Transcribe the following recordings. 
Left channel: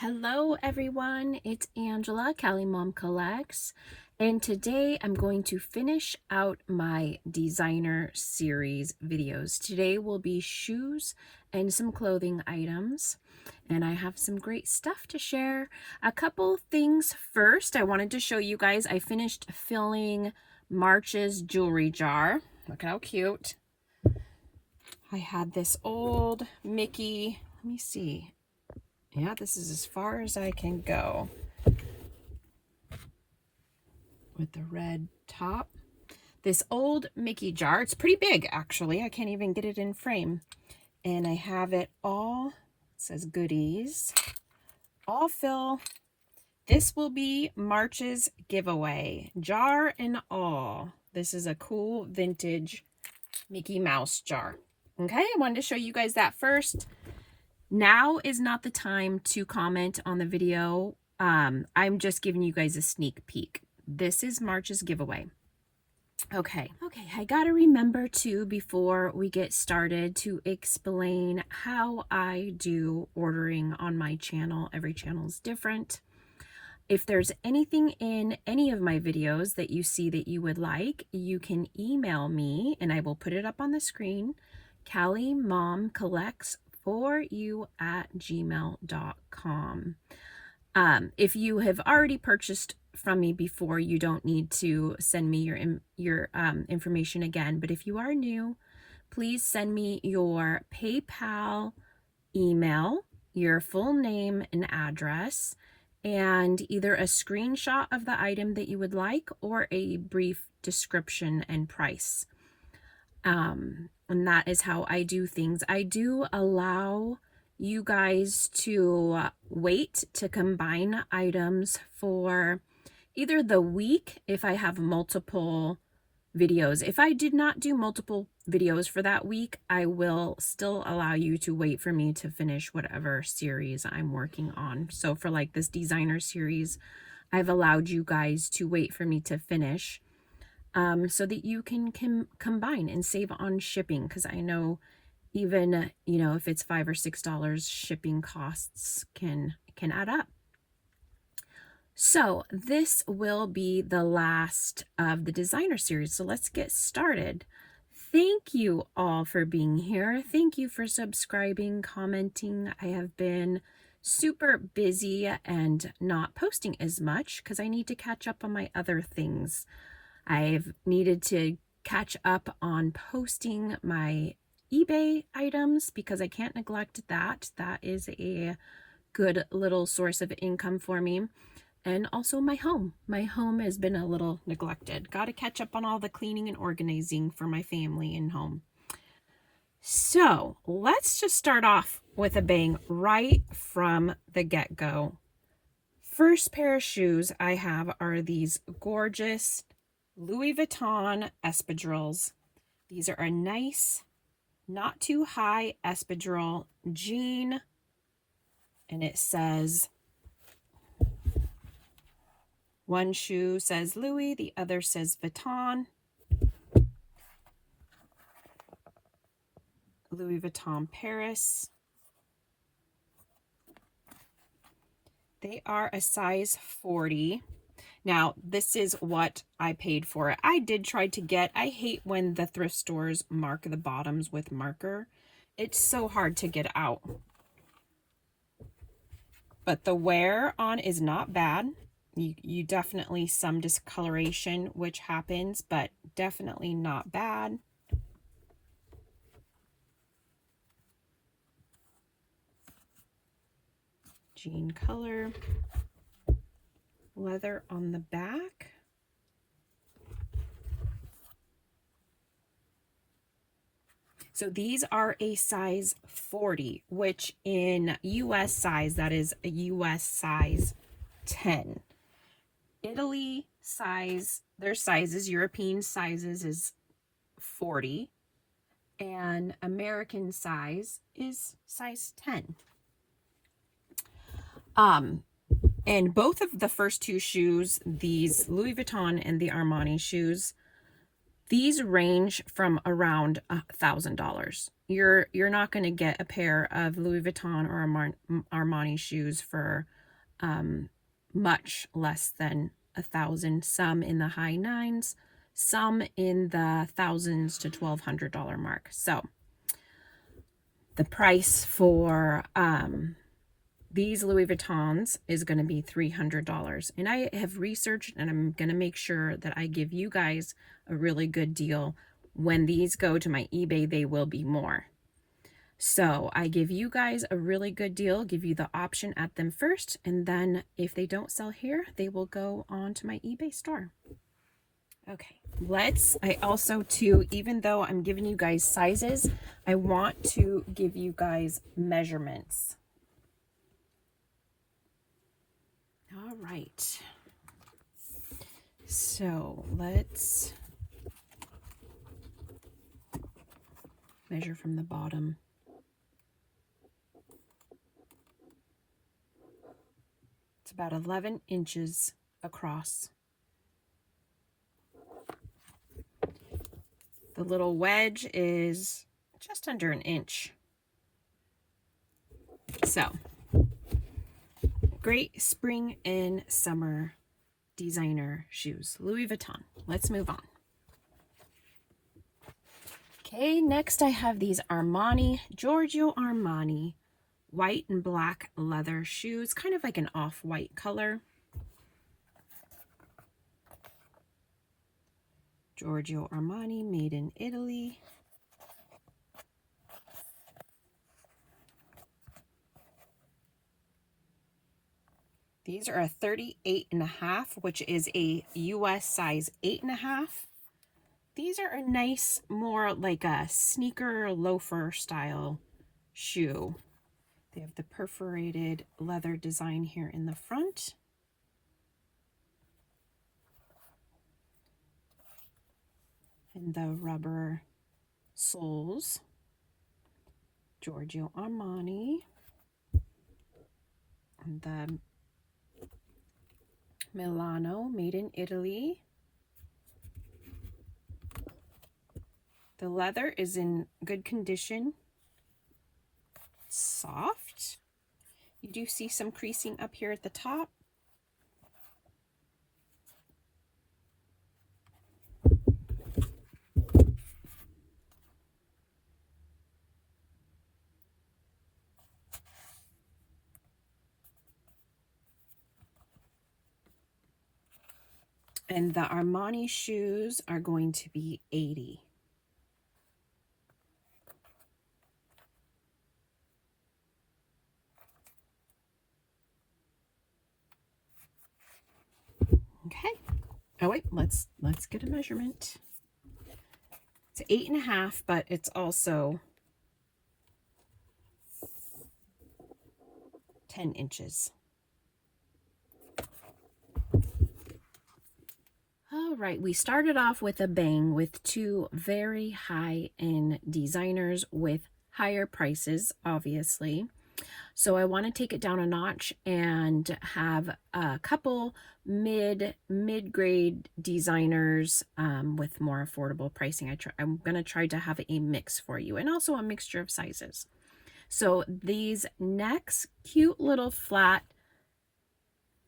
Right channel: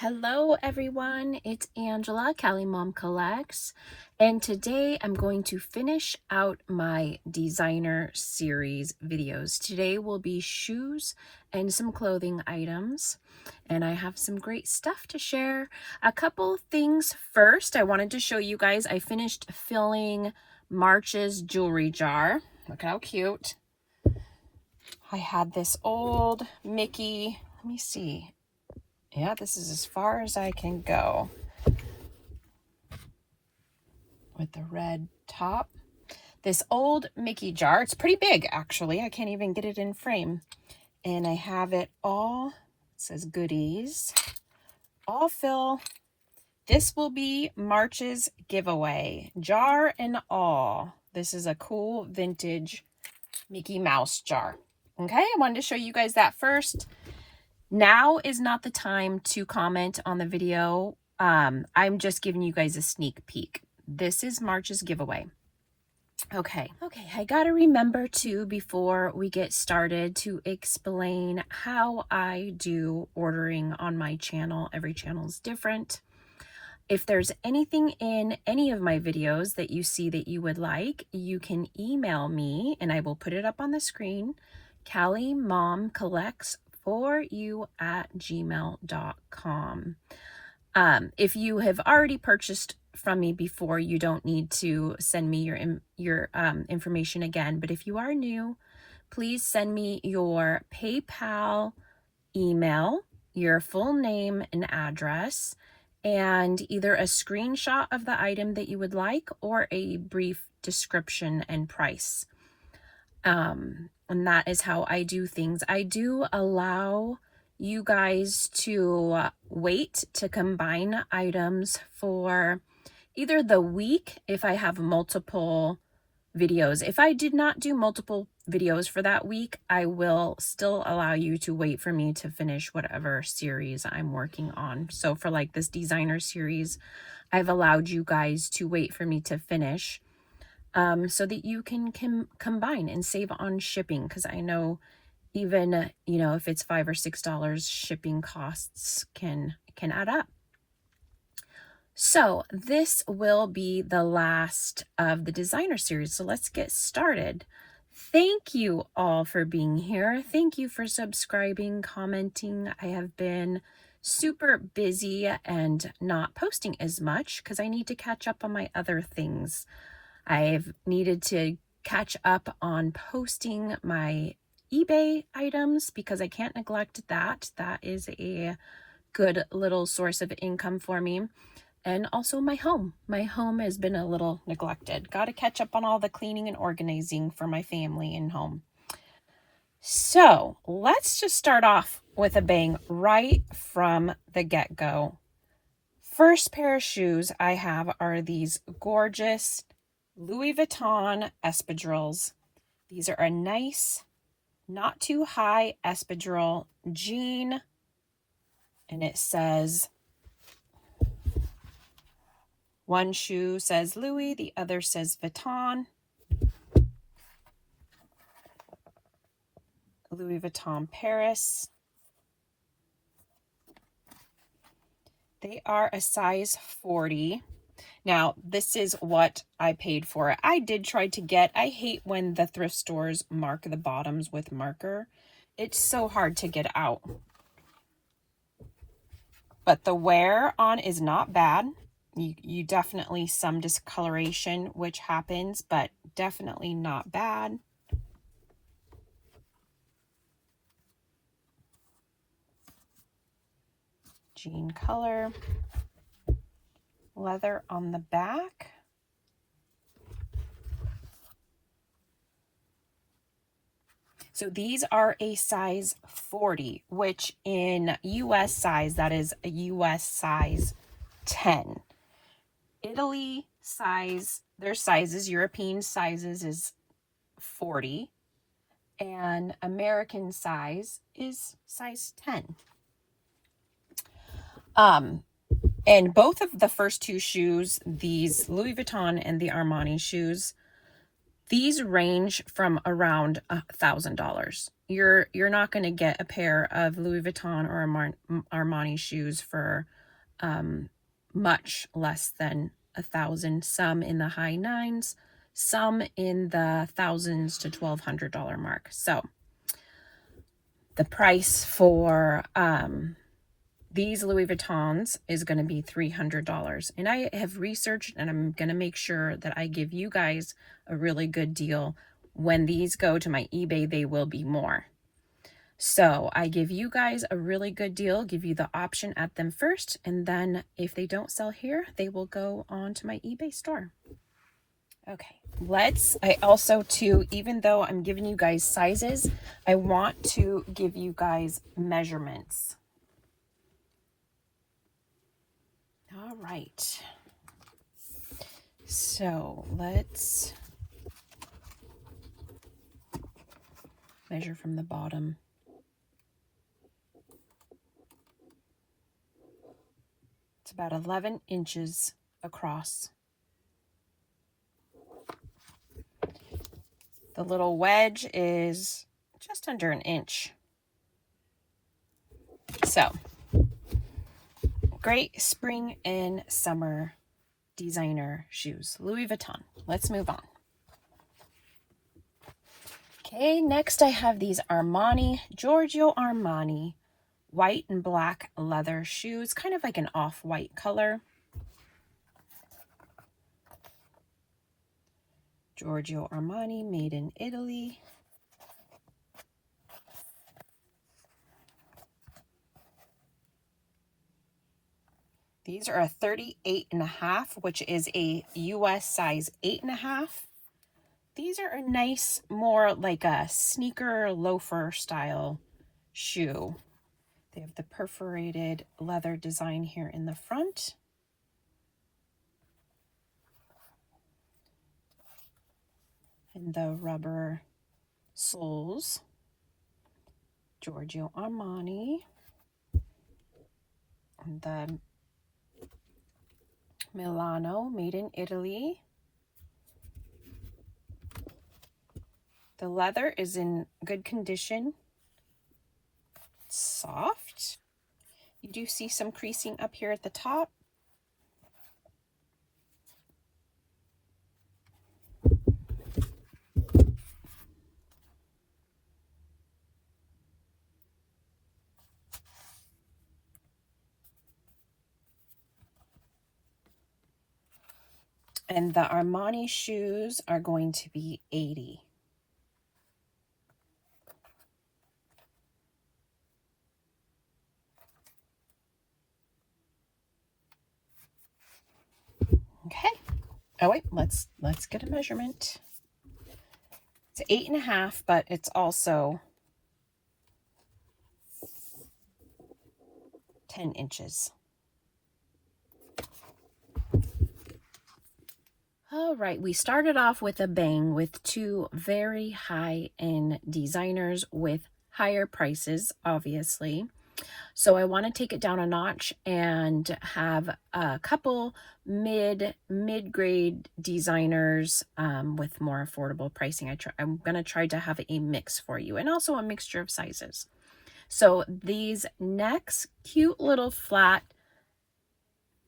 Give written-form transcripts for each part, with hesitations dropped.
Hello everyone, it's Angela, Cali Mom Collects, and today I'm going to finish out my designer series videos. Today will be shoes and some clothing items, and I have some great stuff to share. A couple things first, I wanted to show you guys, I finished filling March's jewelry jar. Look how cute. I had this old Mickey, let me see. Yeah, this is as far as I can go with the red top. This old Mickey jar, it's pretty big actually. I can't even get it in frame. And I have it all, it says goodies, all fill. This will be March's giveaway, jar and all. This is a cool vintage Mickey Mouse jar. Okay, I wanted to show you guys that first. Now is not the time to comment on the video. I'm just giving you guys a sneak peek. This is March's giveaway. Okay, I gotta remember too, before we get started, to explain how I do ordering on my channel. Every channel is different. If there's anything in any of my videos that you see that you would like, you can email me and I will put it up on the screen. Cali Mom Collects for you at gmail.com. If you have already purchased from me before, you don't need to send me your information again. But if you are new, please send me your PayPal email, your full name and address, and either a screenshot of the item that you would like or a brief description and price. And that is how I do things. I do allow you guys to wait to combine items for either the week if I have multiple videos. If I did not do multiple videos for that week, I will still allow you to wait for me to finish whatever series I'm working on. So for like this designer series, I've allowed you guys to wait for me to finish. So that you can combine and save on shipping, because I know even, if it's $5 or $6, shipping costs can add up. So this will be the last of the designer series. So let's get started. Thank you all for being here. Thank you for subscribing, commenting. I have been super busy and not posting as much because I need to catch up on my other things. I've needed to catch up on posting my eBay items because I can't neglect that. That is a good little source of income for me. And also my home. My home has been a little neglected. Got to catch up on all the cleaning and organizing for my family and home. So let's just start off with a bang right from the get-go. First pair of shoes I have are these gorgeous Louis Vuitton espadrilles. These are a nice, not too high espadrille jean. And it says, one shoe says Louis, the other says Vuitton. Louis Vuitton Paris. They are a size 40. Now, this is what I paid for it. I did try to get, I hate when the thrift stores mark the bottoms with marker. It's so hard to get out. But the wear on is not bad. You definitely some discoloration, which happens, but definitely not bad. Jean color. Leather on the back. So these are a size 40, which in US size, that is a US size 10. Italy size, their sizes, European sizes is 40, and American size is size 10. And both of the first two shoes, these Louis Vuitton and the Armani shoes, these range from around $1,000. you're not going to get a pair of Louis Vuitton or Armani shoes for much less than $1,000. Some in the high nines, some in the thousands to $1,200 mark. So the price for these Louis Vuittons is going to be $300. And I have researched, and I'm going to make sure that I give you guys a really good deal. When these go to my eBay, they will be more. So I give you guys a really good deal, give you the option at them first, and then if they don't sell here, they will go on to my eBay store. Okay, I also too, even though I'm giving you guys sizes, I want to give you guys measurements. All right. So let's measure from the bottom. It's about 11 inches across. The little wedge is just under an inch. So, great spring and summer designer shoes. Louis Vuitton. Let's move on. Okay, next I have these Giorgio Armani white and black leather shoes, kind of like an off-white color. Giorgio Armani, made in Italy. These are a 38.5, which is a US size 8.5. These are a nice, more like a sneaker loafer style shoe. They have the perforated leather design here in the front. And the rubber soles. Giorgio Armani. And the Milano, made in Italy. The leather is in good condition. It's soft. You do see some creasing up here at the top. And the Armani shoes are going to be $80. Okay. Oh wait, let's get a measurement. It's 8.5, but it's also 10 inches. All right, we started off with a bang with two very high-end designers with higher prices, obviously. So I want to take it down a notch and have a couple mid-grade designers with more affordable pricing. I'm going to try to have a mix for you, and also a mixture of sizes. So these next cute little flat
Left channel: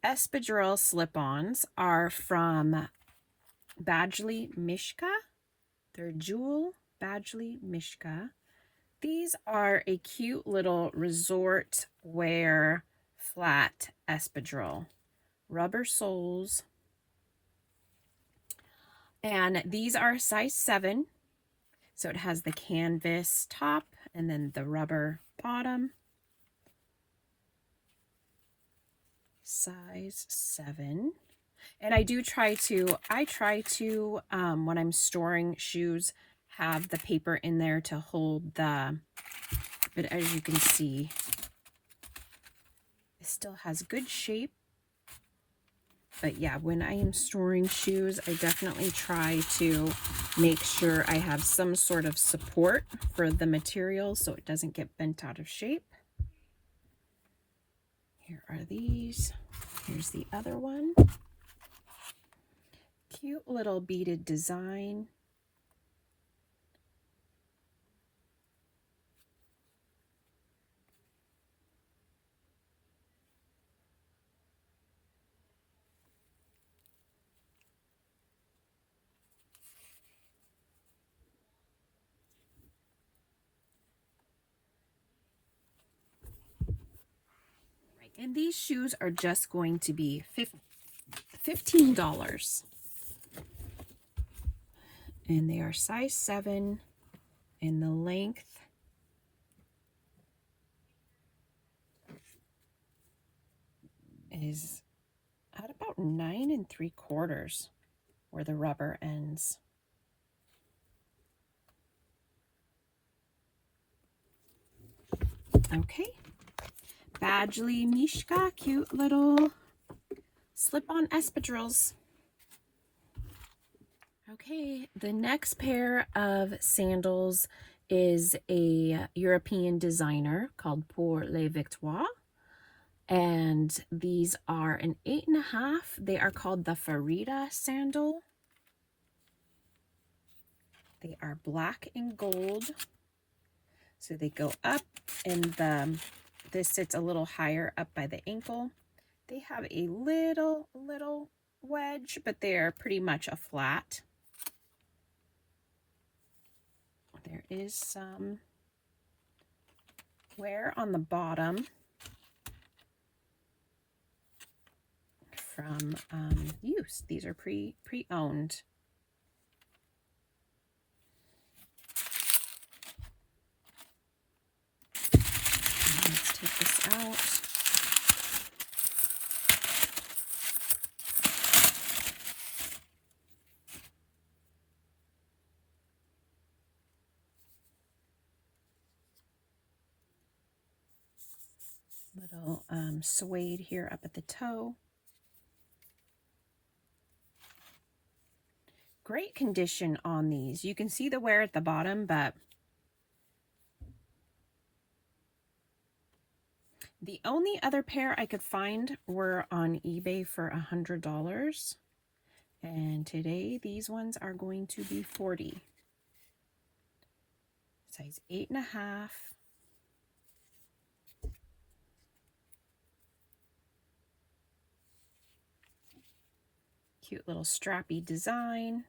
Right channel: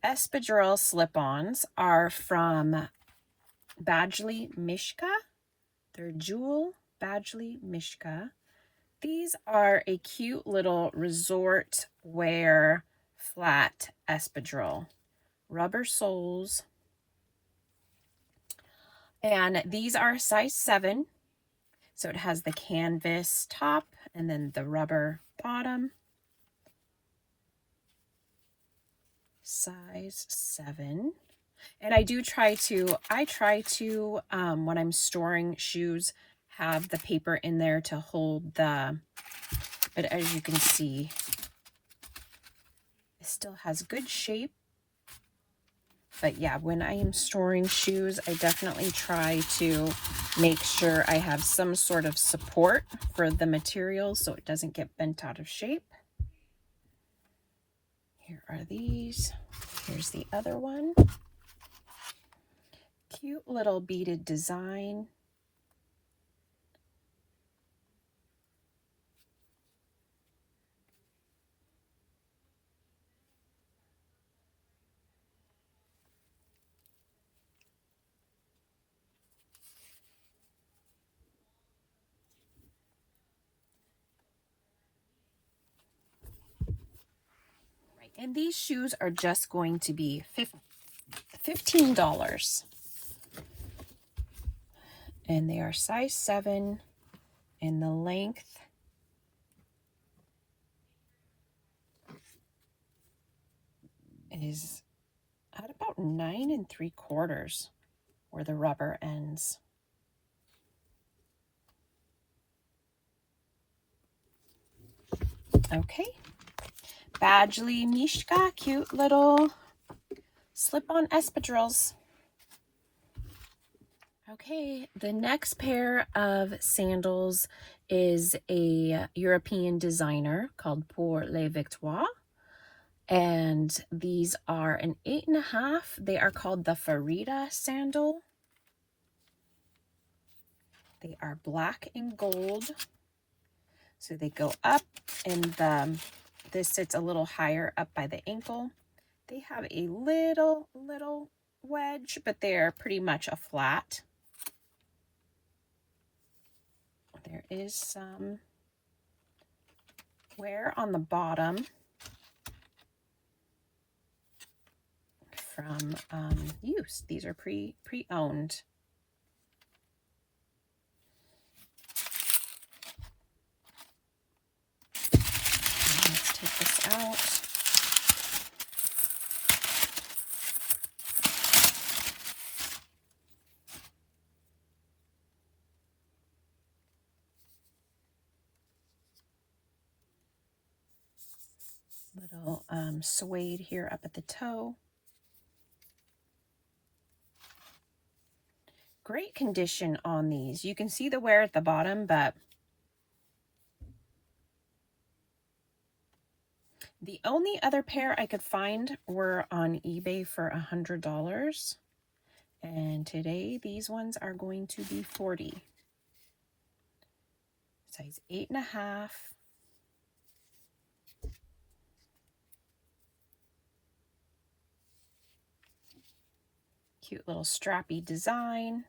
espadrille slip-ons are from Badgley Mishka. They're Jewel Badgley Mishka. These are a cute little resort wear flat espadrille. Rubber soles. And these are size 7. So it has the canvas top and then the rubber bottom. Size 7. And I try to, when I'm storing shoes, have the per in there to hold but as you can see, it still has good shape. But yeah, when I am storing shoes, I definitely try to make sure I have some sort of support for the material so it doesn't get bent out of shape. Here are these. Here's the other one. Cute little beaded design. And these shoes are just going to be $15. And they are size 7, and the length is at about 9 3/4 where the rubber ends. Okay, Badgley Mishka, cute little slip-on espadrilles. Okay, the next pair of sandals is a European designer called Pour les Victoires. And these are an 8.5. They are called the Farida sandal. They are black and gold. So they go up, and this sits a little higher up by the ankle. They have a little wedge, but they're pretty much a flat. There is some wear on the bottom from use. These are pre-owned. Let's take this out. Little suede here up at the toe. Great condition on these. You can see the wear at the bottom, but the only other pair I could find were on eBay for $100. And today these ones are going to be $40. Size 8.5. Cute little strappy design.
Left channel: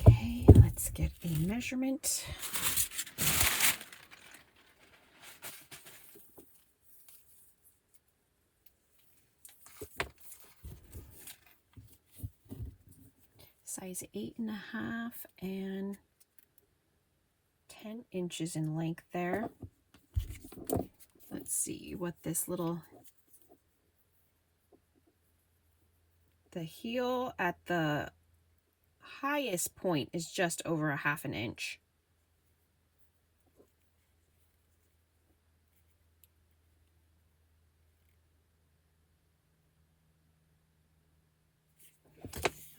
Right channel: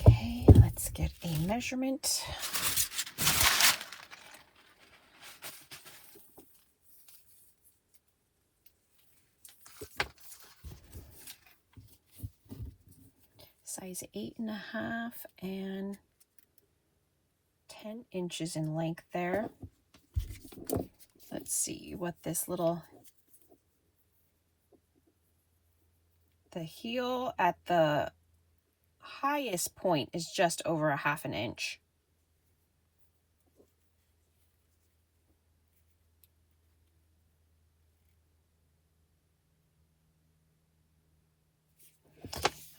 Okay, let's get a measurement. Size 8.5 and 10 inches in length there. Let's see what this the heel at the highest point is just over 1/2 inch.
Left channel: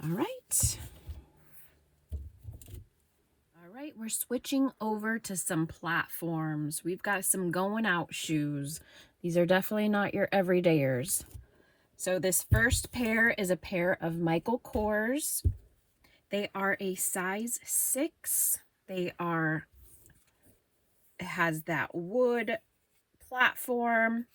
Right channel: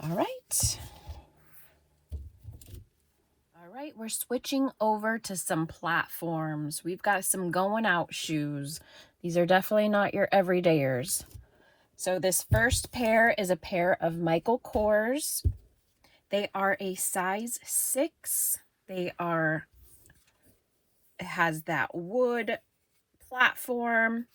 All right. All right, we're switching over to some platforms. We've got some going out shoes. These are definitely not your everydayers. So this first pair is a pair of Michael Kors. They are a size 6. It has that wood platform,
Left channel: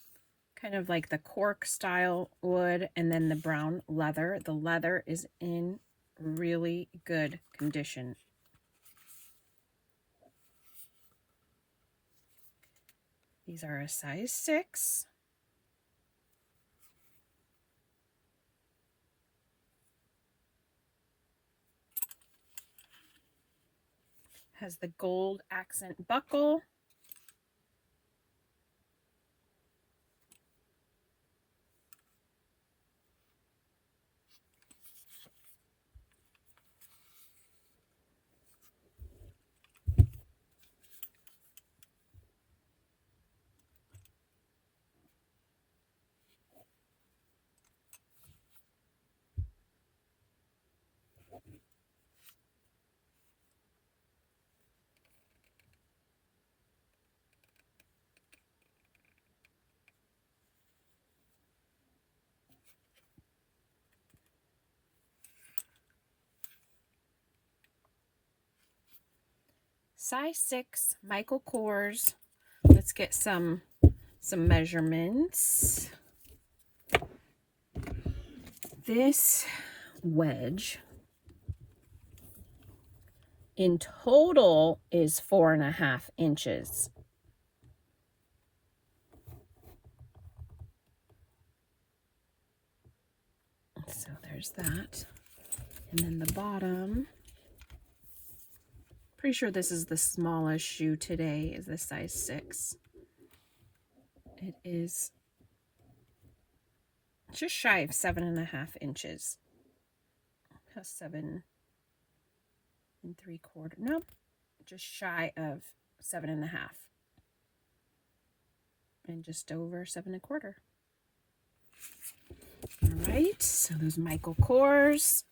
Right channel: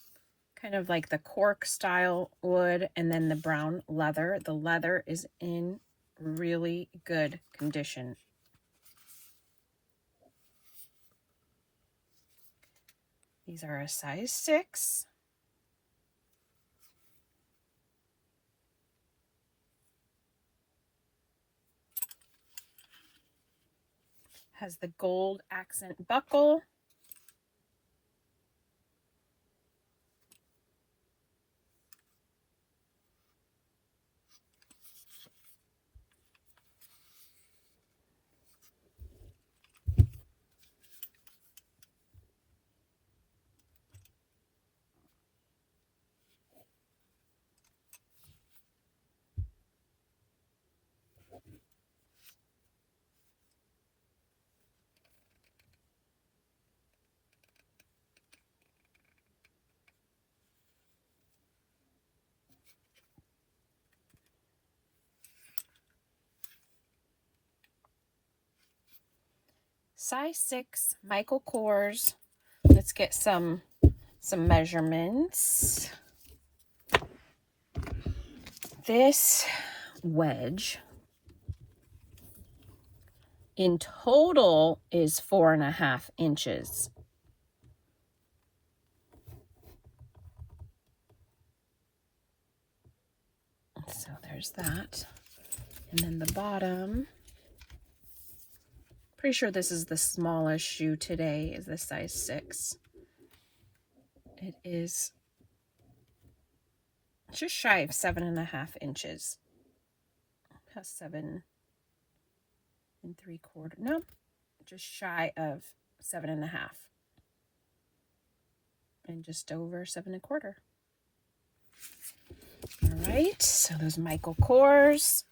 kind of like the cork style wood, and then the brown leather. The leather is in really good condition. These are a size 6. Has the gold accent buckle. size 6 Michael Kors. Let's get some measurements. This wedge in total is 4.5 inches. So there's that. And then the bottom, pretty sure this is the smallest shoe today, is the size 6. It is just shy of 7.5 inches. Has 7 3/4. No, just shy of 7.5. And just over 7.25. All right, so those Michael Kors.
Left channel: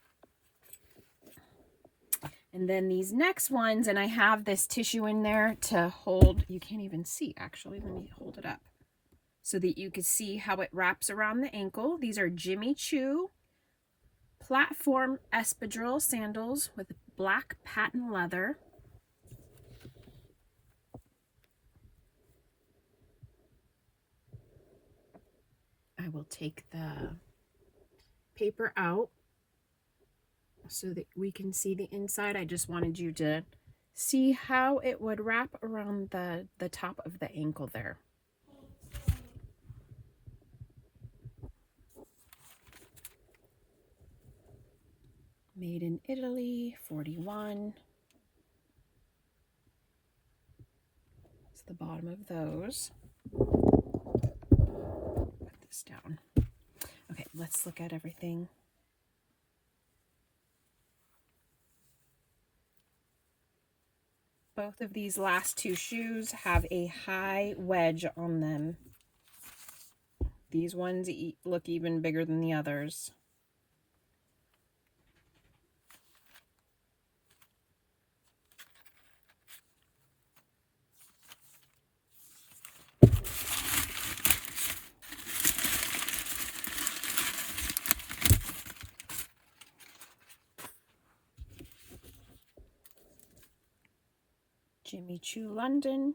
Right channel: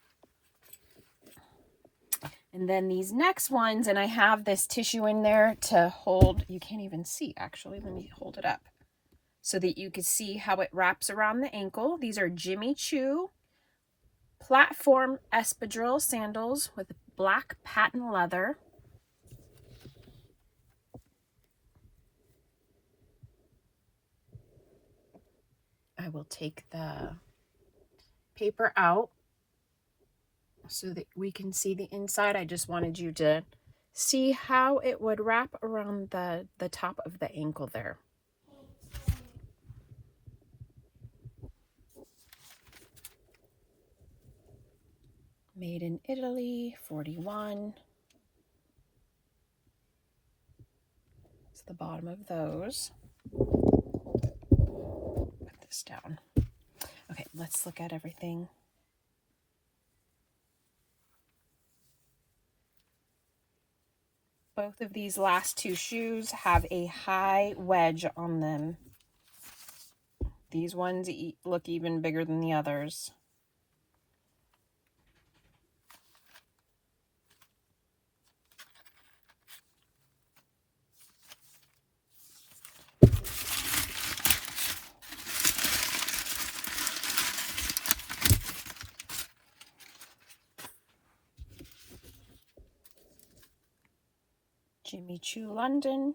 And then these next ones, and I have this tissue in there to hold, you can't even see actually, let me hold it up so that you can see how it wraps around the ankle. These are Jimmy Choo platform espadrille sandals with black patent leather. I will take the paper out so that we can see the inside. I just wanted you to see how it would wrap around the top of the ankle there. Made in Italy, 41. It's the bottom of those. Put this down. Okay, let's look at everything. Both of these last two shoes have a high wedge on them. These ones look even bigger than the others. Jimmy Choo London.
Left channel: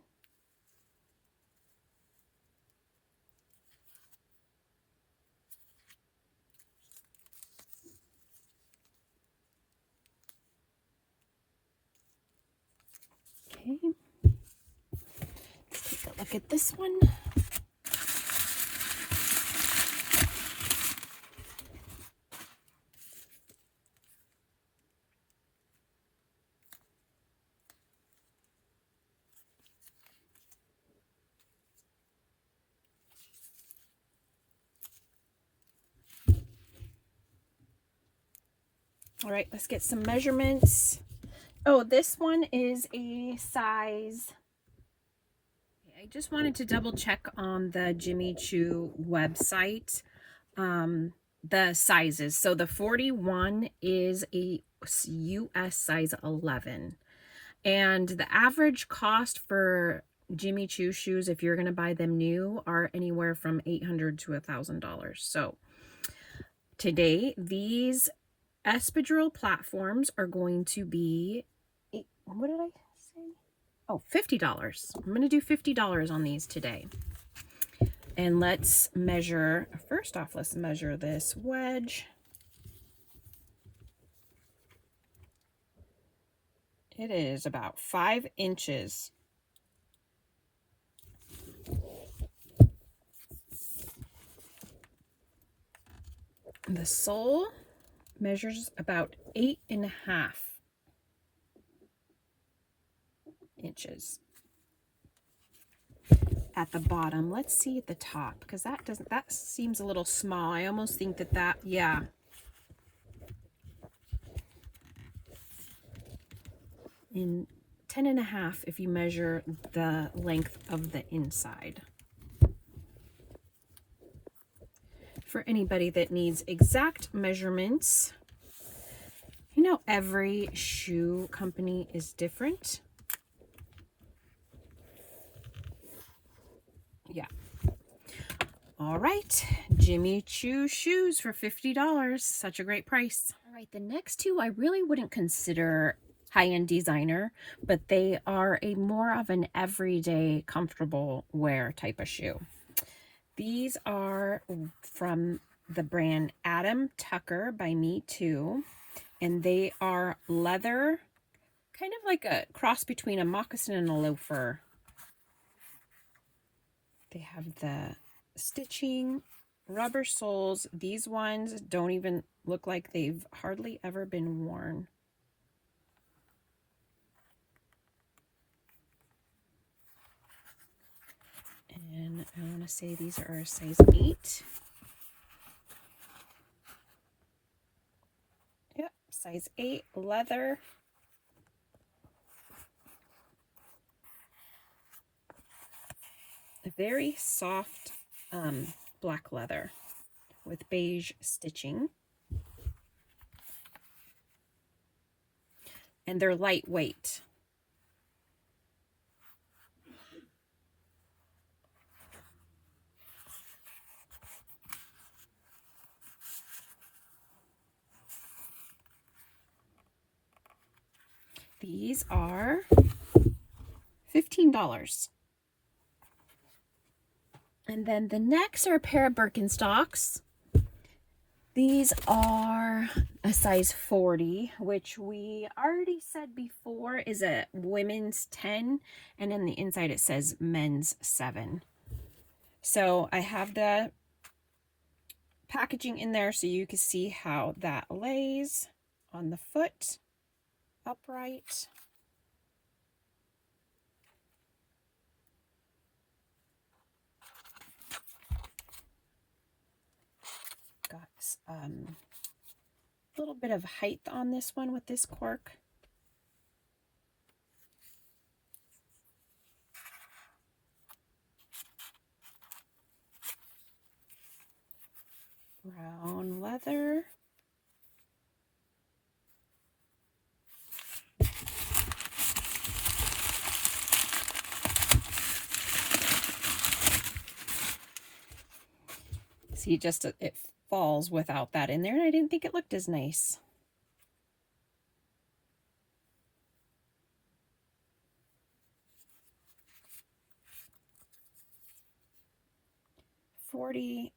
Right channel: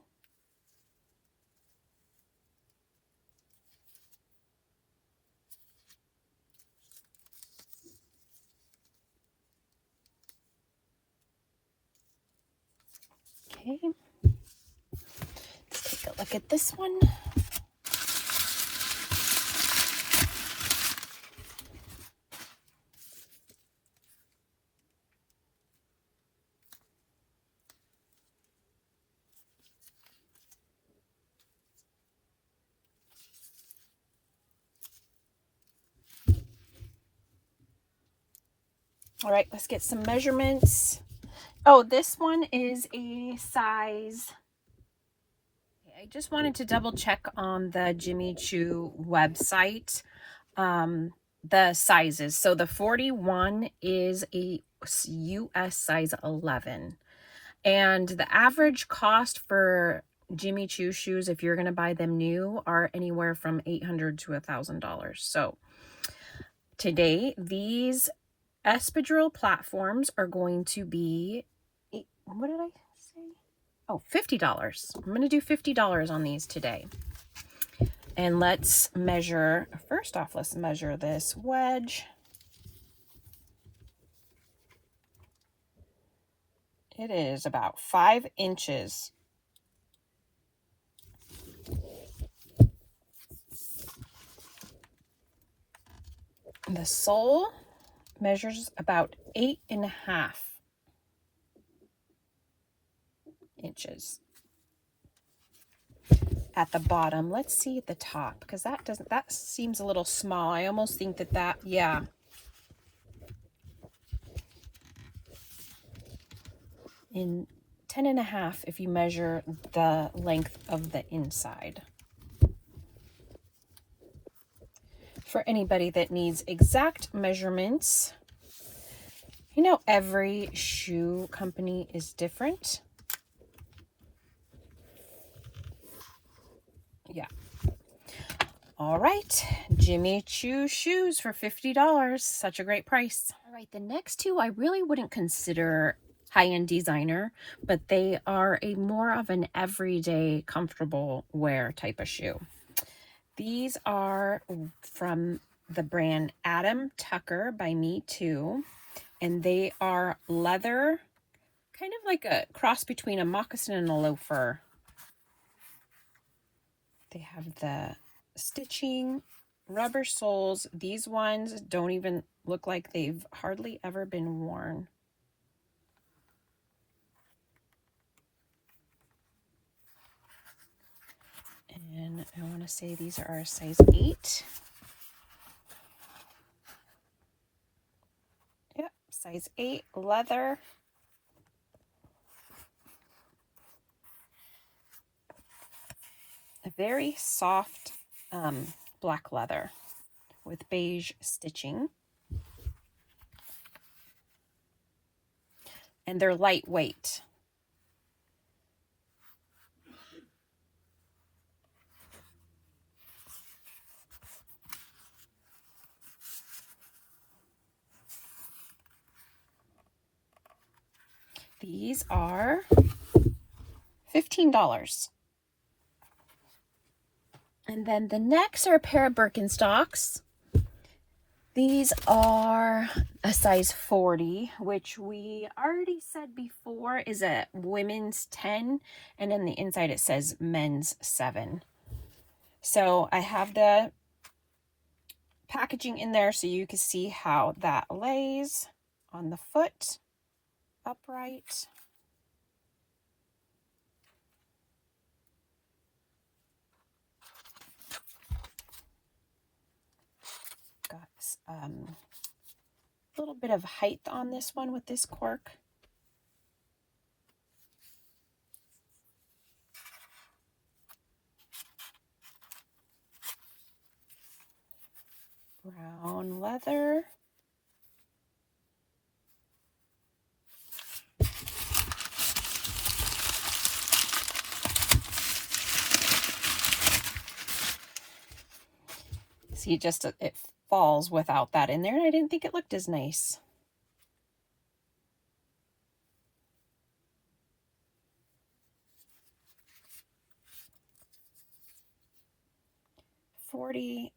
Okay. Let's take a look at this one. All right, let's get some measurements. Oh, this one is a size. I just wanted to double check on the Jimmy Choo website, the sizes. So the 41 is a US size 11. And the average cost for Jimmy Choo shoes, if you're going to buy them new, are anywhere from $800 to $1,000. So today, these espadrille platforms are going to be, what did I say? Oh, $50. I'm going to do $50 on these today. And let's measure, first off, let's measure this wedge. It is about 5 inches. The sole measures about 8.5 inches. At the bottom, let's see at the top, because that seems a little small. I almost think that, yeah. In 10.5 if you measure the length of the inside. For anybody that needs exact measurements, you know, every shoe company is different. Yeah. All right, Jimmy Choo shoes for $50. Such a great price. All right, the next two I really wouldn't consider high-end designer, but they are a more of an everyday comfortable wear type of shoe. These are from the brand Adam Tucker by Me Too, and they are leather, kind of like a cross between a moccasin and a loafer. They have the stitching, rubber soles. These ones don't even look like they've hardly ever been worn. And I want to say these are a size 8. Yep, size 8 leather. A very soft black leather with beige stitching. And they're lightweight. These are $15. And then the next are a pair of Birkenstocks. These are a size 40, which we already said before is a women's 10, and in the inside it says men's 7. So I have the packaging in there so you can see how that lays on the foot upright. Got a little bit of height on this one with this cork. Brown leather. See, just it falls without that in there, and I didn't think it looked as nice. $40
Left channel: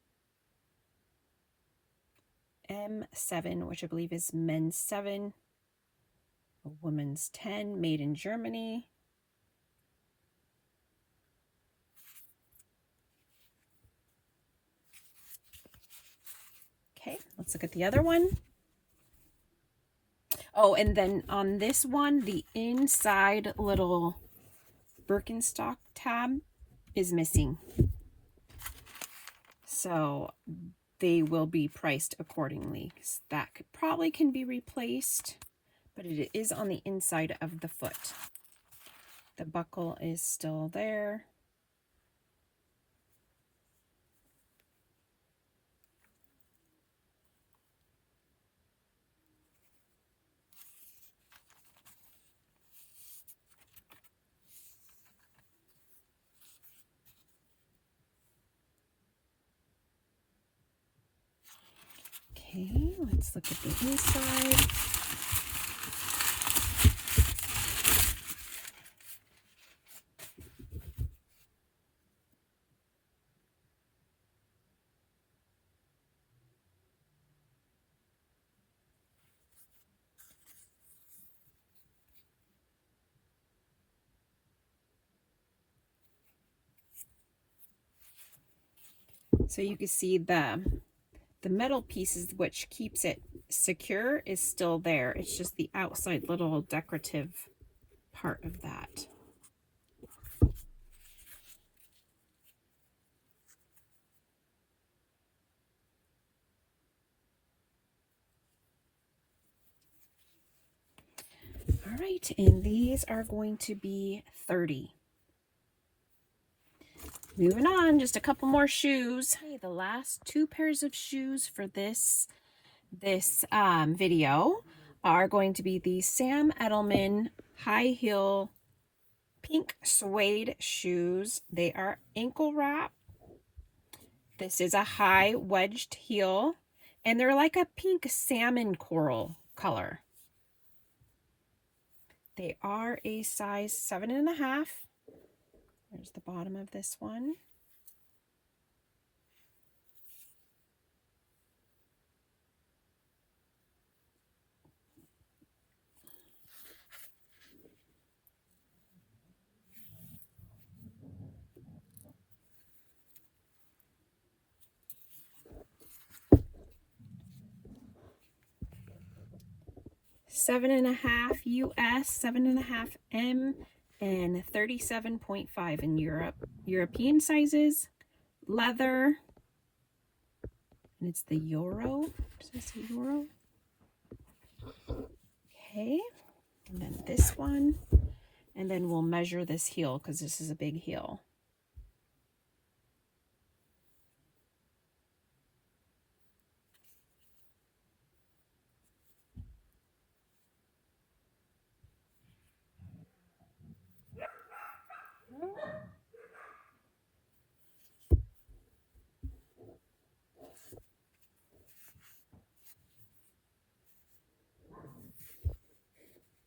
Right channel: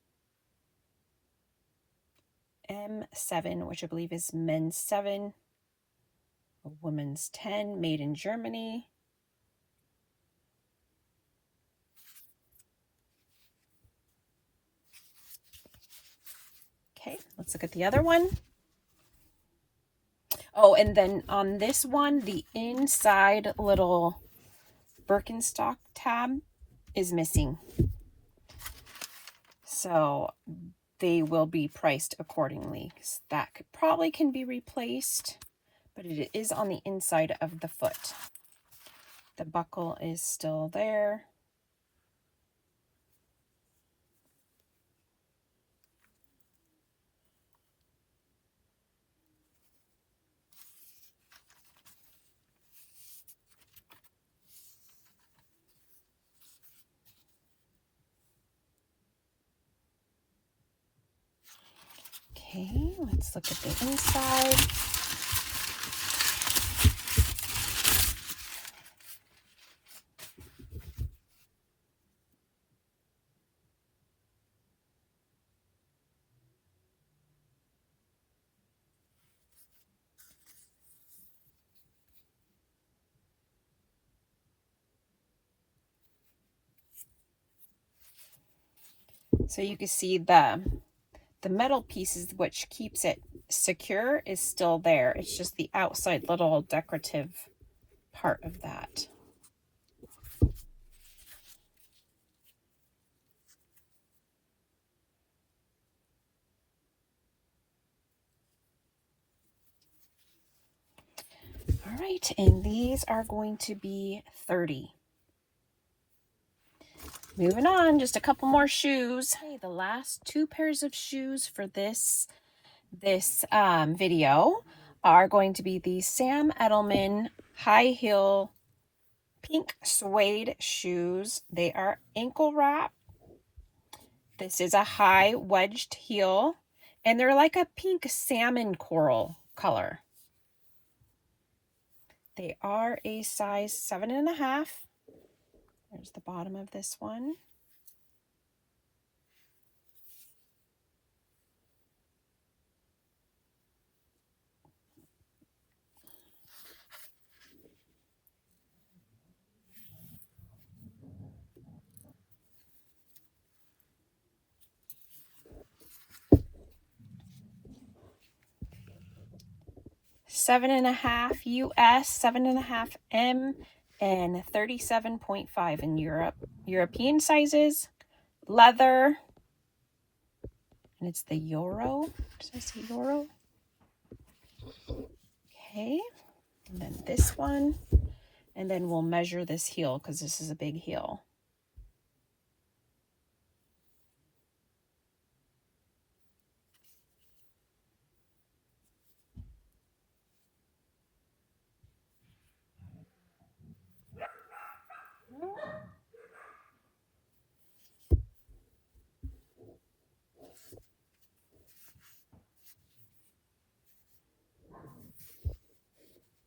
M7, which I believe is men's 7, a woman's 10, made in Germany. Okay, let's look at the other one. Oh, and then on this one, the inside little Birkenstock tab is missing. So they will be priced accordingly. That probably can be replaced, but it is on the inside of the foot. The buckle is still there. Okay, let's look at the inside. So you can see the metal pieces, which keeps it secure, is still there. It's just the outside little decorative part of that. All right, and these are going to be $30. Moving on, just a couple more shoes. Okay, the last 2 pairs of shoes for this video are going to be the Sam Edelman high heel pink suede shoes. They are ankle wrap. This is a high wedged heel, and they're like a pink salmon coral color. They are a size 7.5. There's the bottom of this one. $7.5 US, 7.5 M, and 37.5 in European sizes. Leather, and it's the Euro. Does it say Euro? Okay, and then this one, and then we'll measure this heel because this is a big heel.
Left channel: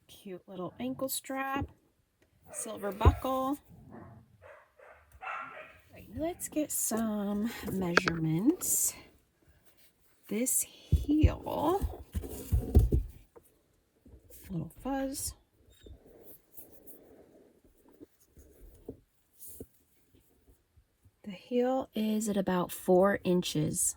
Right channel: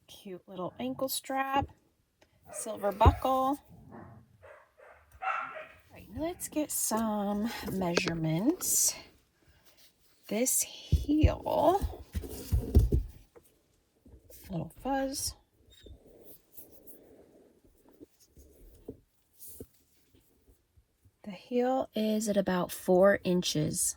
Cute little ankle strap, silver buckle. All right, let's get some measurements. This heel, little fuzz. The heel is at about 4 inches.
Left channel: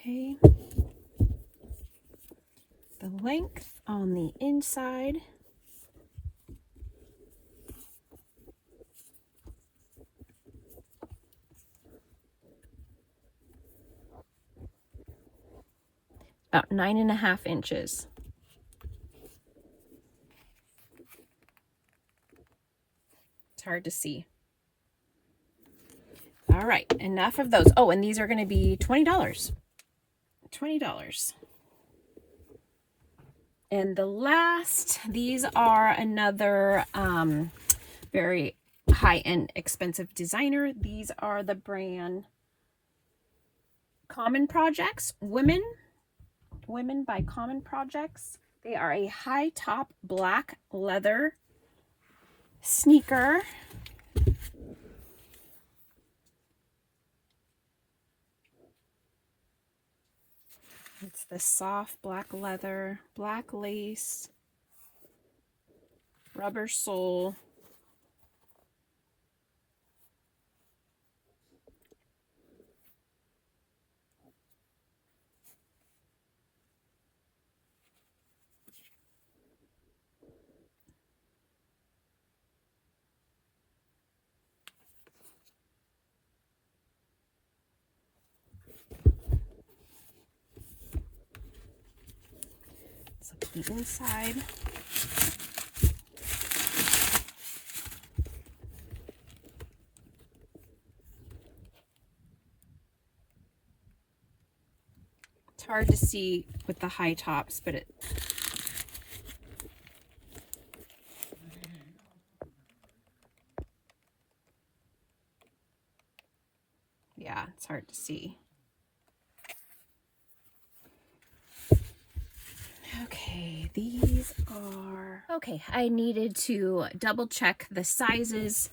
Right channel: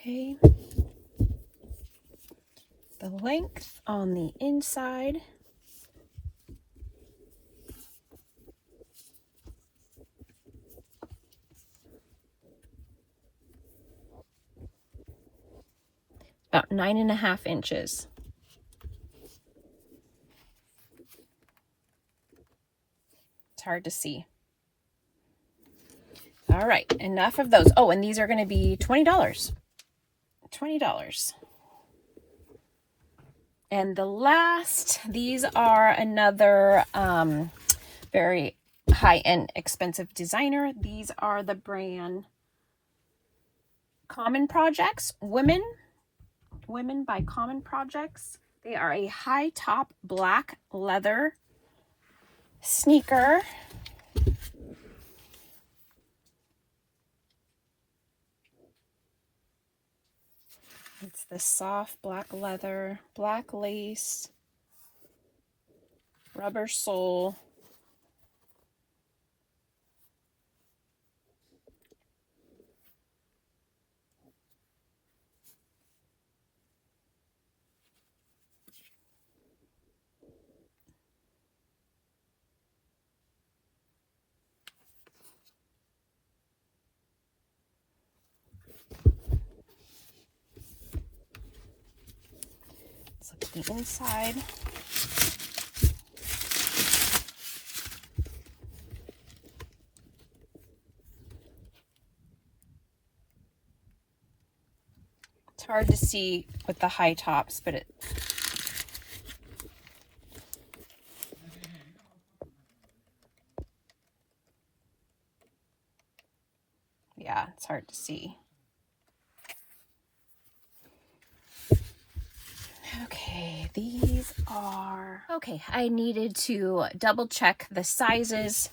Okay. The length on the inside . About 9.5 inches. It's hard to see. All right, enough of those. Oh, and these are going to be $20. $20. And the last, these are another very high-end, expensive designer. These are the brand Common Projects, Women by Common Projects. They are a high top black leather sneaker. It's the soft black leather, black lace, rubber sole. Let's look at the inside. It's hard to see with the high tops, but yeah, it's hard to see. Okay, these are... Okay, I needed to double check the sizes.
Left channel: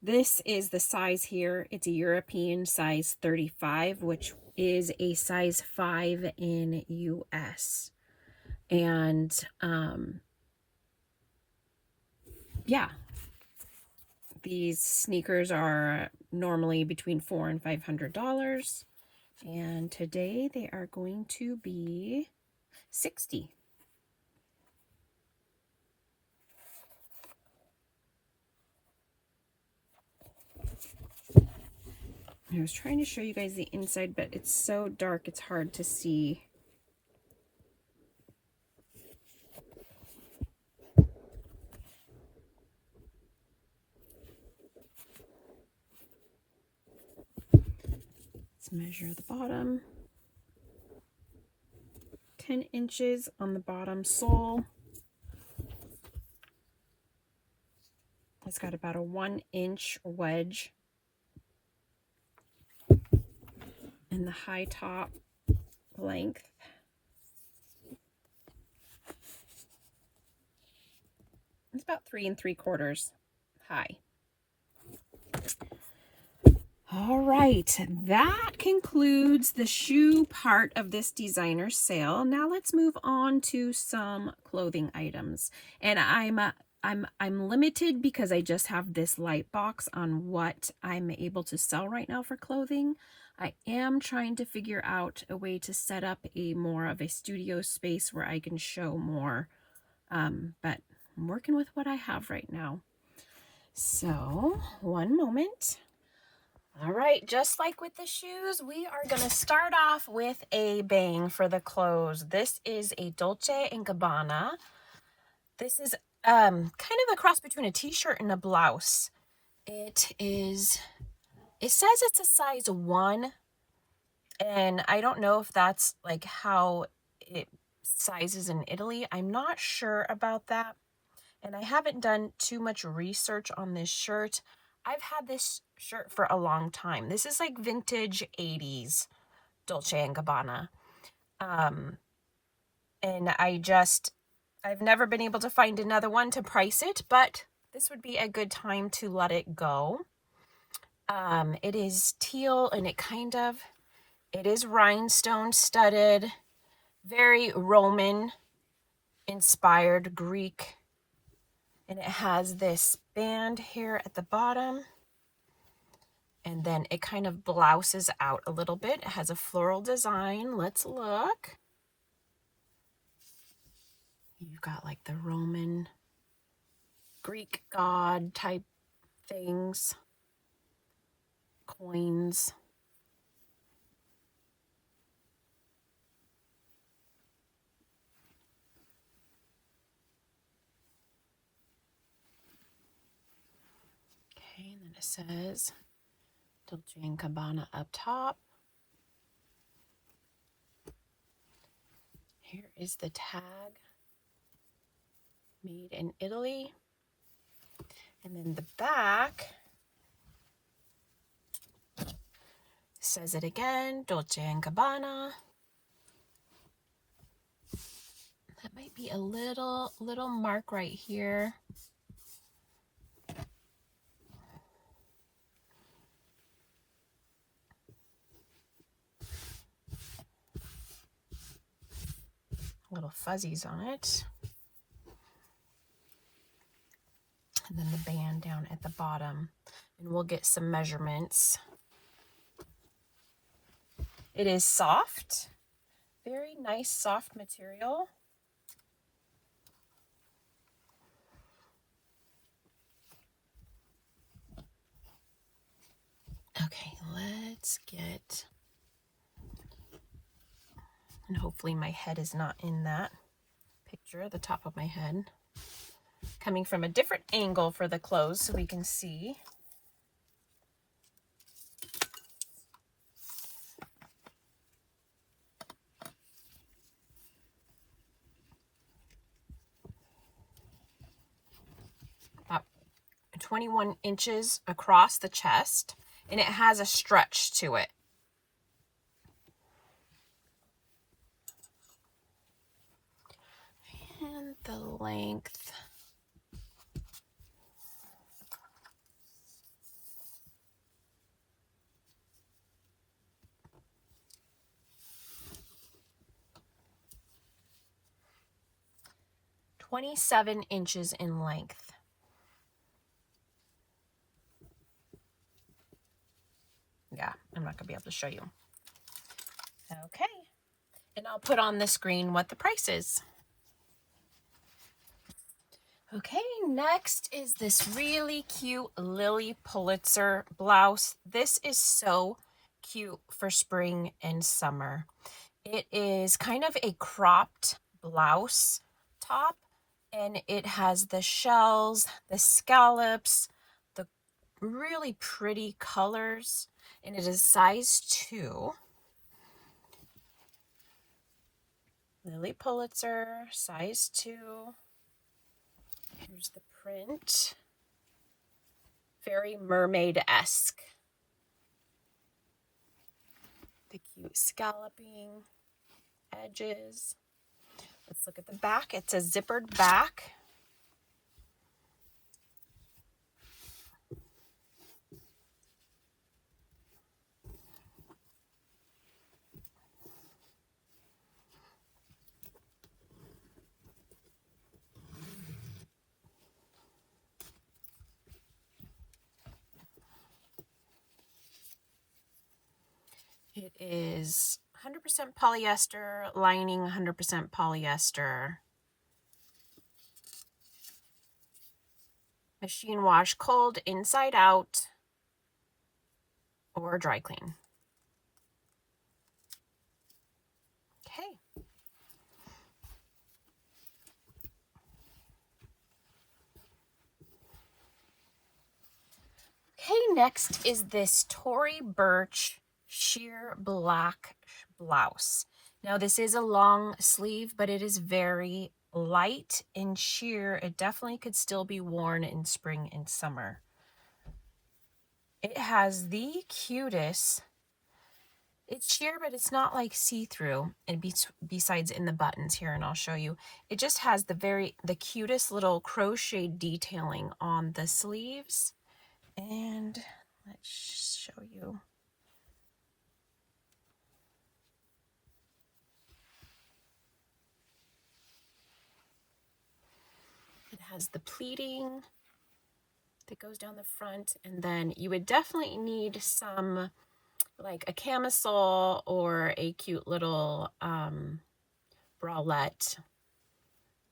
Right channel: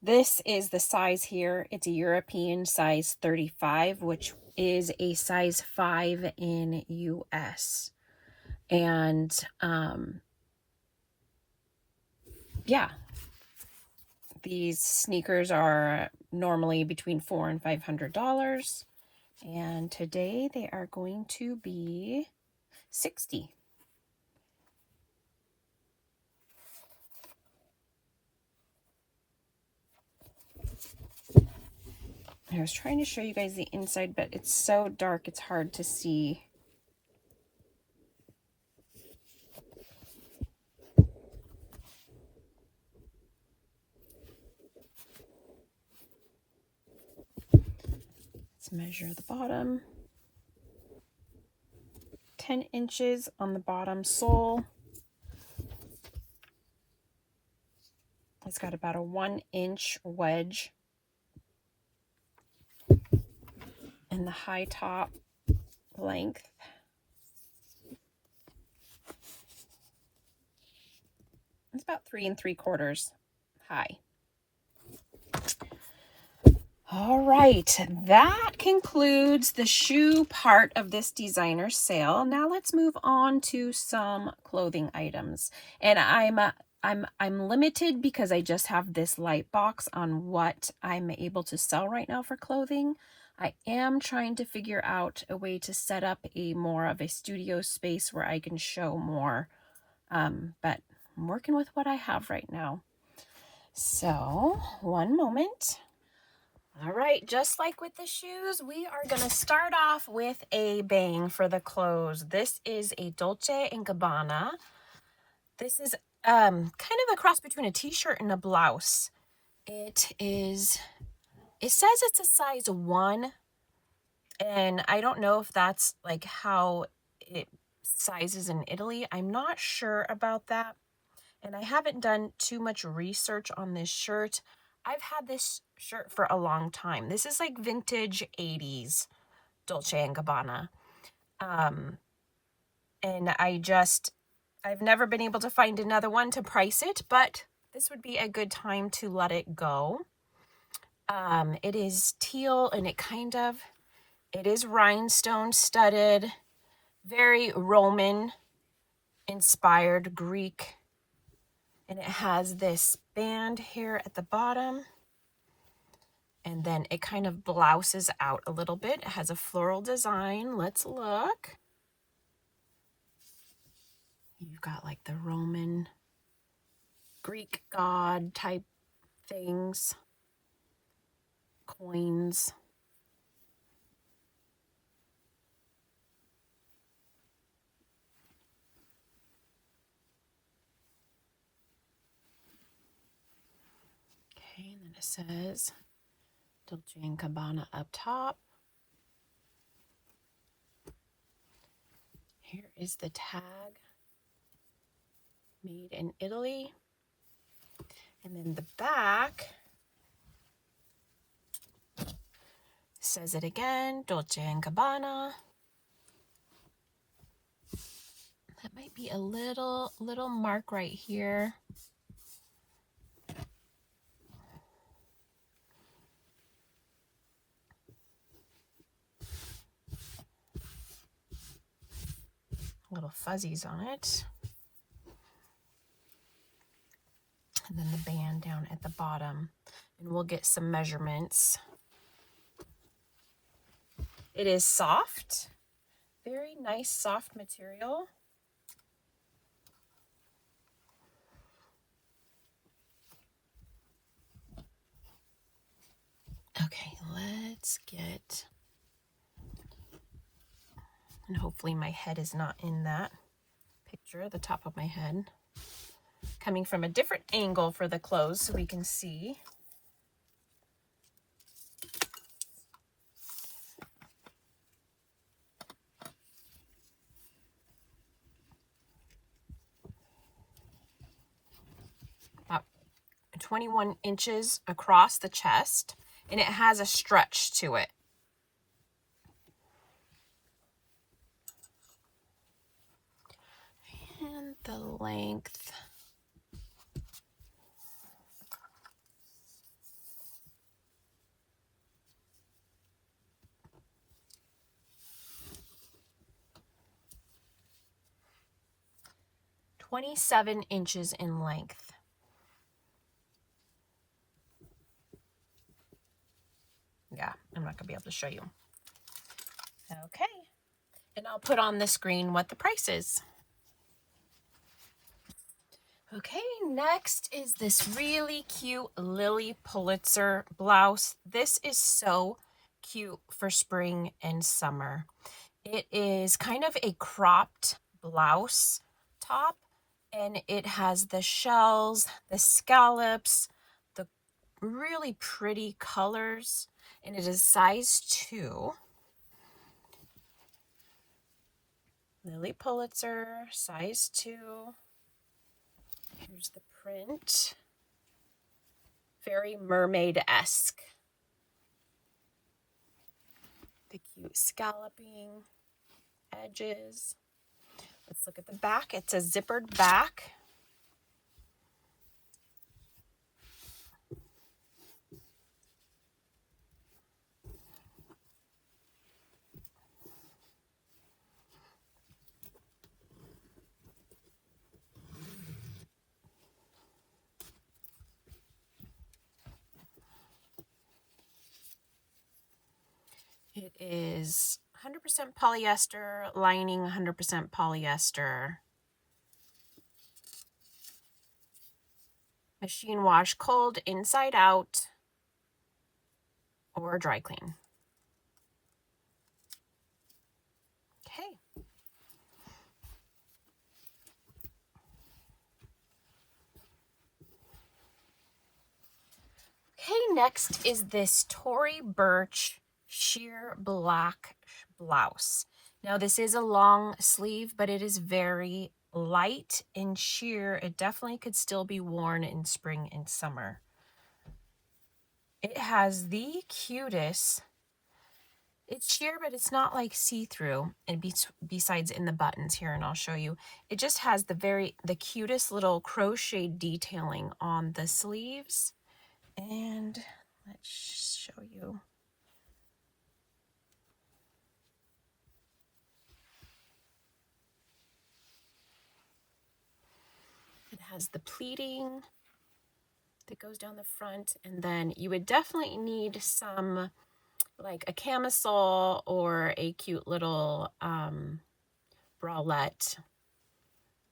This is the size here. It's a European size 35, which is a size 5 in US. And yeah, these sneakers are normally between $400 and $500. And today they are going to be $60. I was trying to show you guys the inside, but it's so dark, it's hard to see. Let's measure the bottom. 10 inches on the bottom sole. It's got about a 1-inch wedge in the high top length. It's about 3 3/4 high. All right, that concludes the shoe part of this designer sale. Now let's move on to some clothing items. And I'm limited because I just have this light box on what I'm able to sell right now for clothing. I am trying to figure out a way to set up more of a studio space where I can show more, but I'm working with what I have right now. So, one moment. All right, just like with the shoes, we are going to start off with a bang for the clothes. This is a Dolce & Gabbana. This is kind of a cross between a t-shirt and a blouse. It says it's a size 1, and I don't know if that's like how it sizes in Italy. I'm not sure about that, and I haven't done too much research on this shirt. I've had this shirt for a long time. This is like vintage 80s Dolce & Gabbana. And I've never been able to find another one to price it, but this would be a good time to let it go. It is teal, and it is rhinestone studded, very Roman inspired, Greek. And it has this band here at the bottom. And then it kind of blouses out a little bit. It has a floral design. Let's look. You've got like the Roman, Greek god type things. Coins. Okay, and then it says Dolce & Gabbana up top. Here is the tag. Made in Italy. And then the back says it again, Dolce & Gabbana. That might be a little mark right here. Little fuzzies on it. And then the band down at the bottom. And we'll get some measurements. It is soft. Very nice soft material. Okay, let's get, and hopefully my head is not in that picture, the top of my head. Coming from a different angle for the clothes so we can see. About 21 inches across the chest, and it has a stretch to it. And the length. "27 inches in length." Yeah, I'm not gonna be able to show you. Okay, and I'll put on the screen what the price is. Okay, next is this really cute Lily Pulitzer blouse. This is so cute for spring and summer. It is kind of a cropped blouse top, and it has the shells, the scallops, the really pretty colors, and it is size 2. Lily Pulitzer, size 2. Here's the print. Very mermaid-esque. The cute scalloping edges. Let's look at the back. It's a zippered back. It is 100% polyester, lining 100% polyester. Machine wash cold, inside out, or dry clean. Okay. Okay, next is this Tory Burch sheer black blouse. Now this is a long sleeve, but it is very light and sheer. It definitely could still be worn in spring and summer. It has the cutest, it's sheer, but it's not like see-through, and besides in the buttons here, and I'll show you. It just has the cutest little crochet detailing on the sleeves. And let's show you. It has the pleating that goes down the front, and then you would definitely need some, like a camisole or a cute little bralette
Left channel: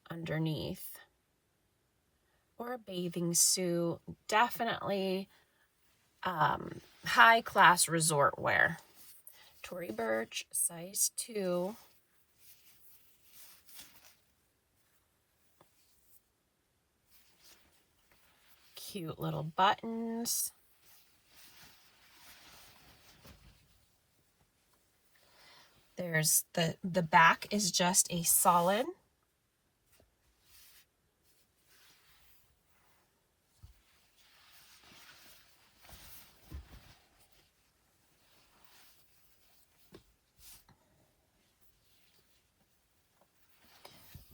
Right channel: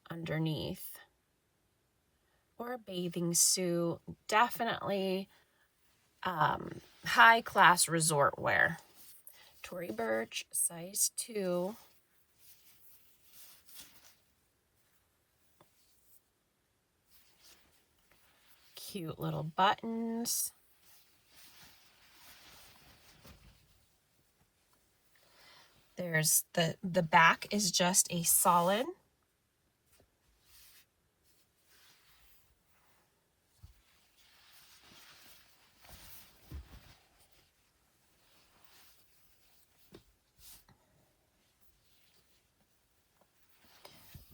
underneath, or a bathing suit. Definitely high class resort wear. Tory Burch, size 2. Cute little buttons. There's the back is just a solid.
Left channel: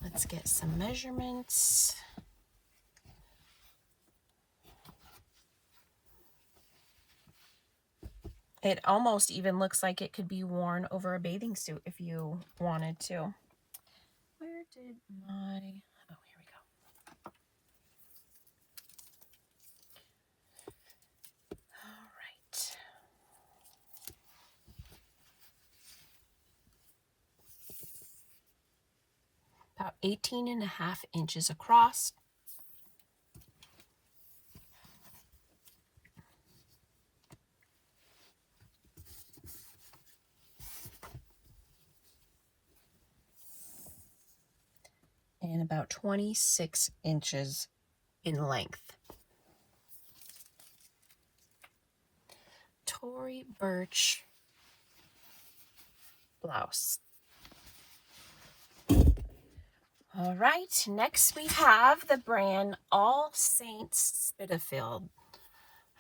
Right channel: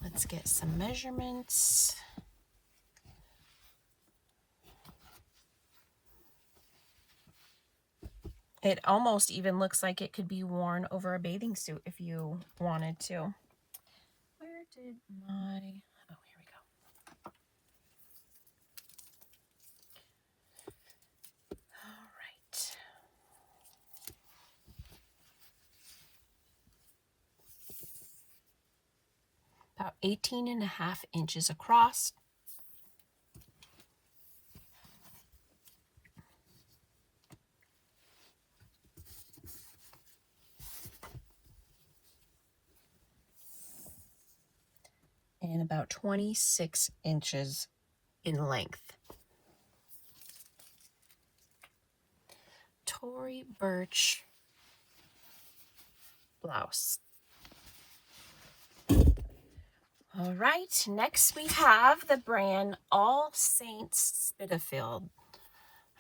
Let's get some measurements. It almost even looks like it could be worn over a bathing suit if you wanted to. Where did my, oh, here we go. All right. About 18.5 inches across. And about 26 inches in length. Tory Burch blouse. All right, next we have the brand All Saints Spitalfield.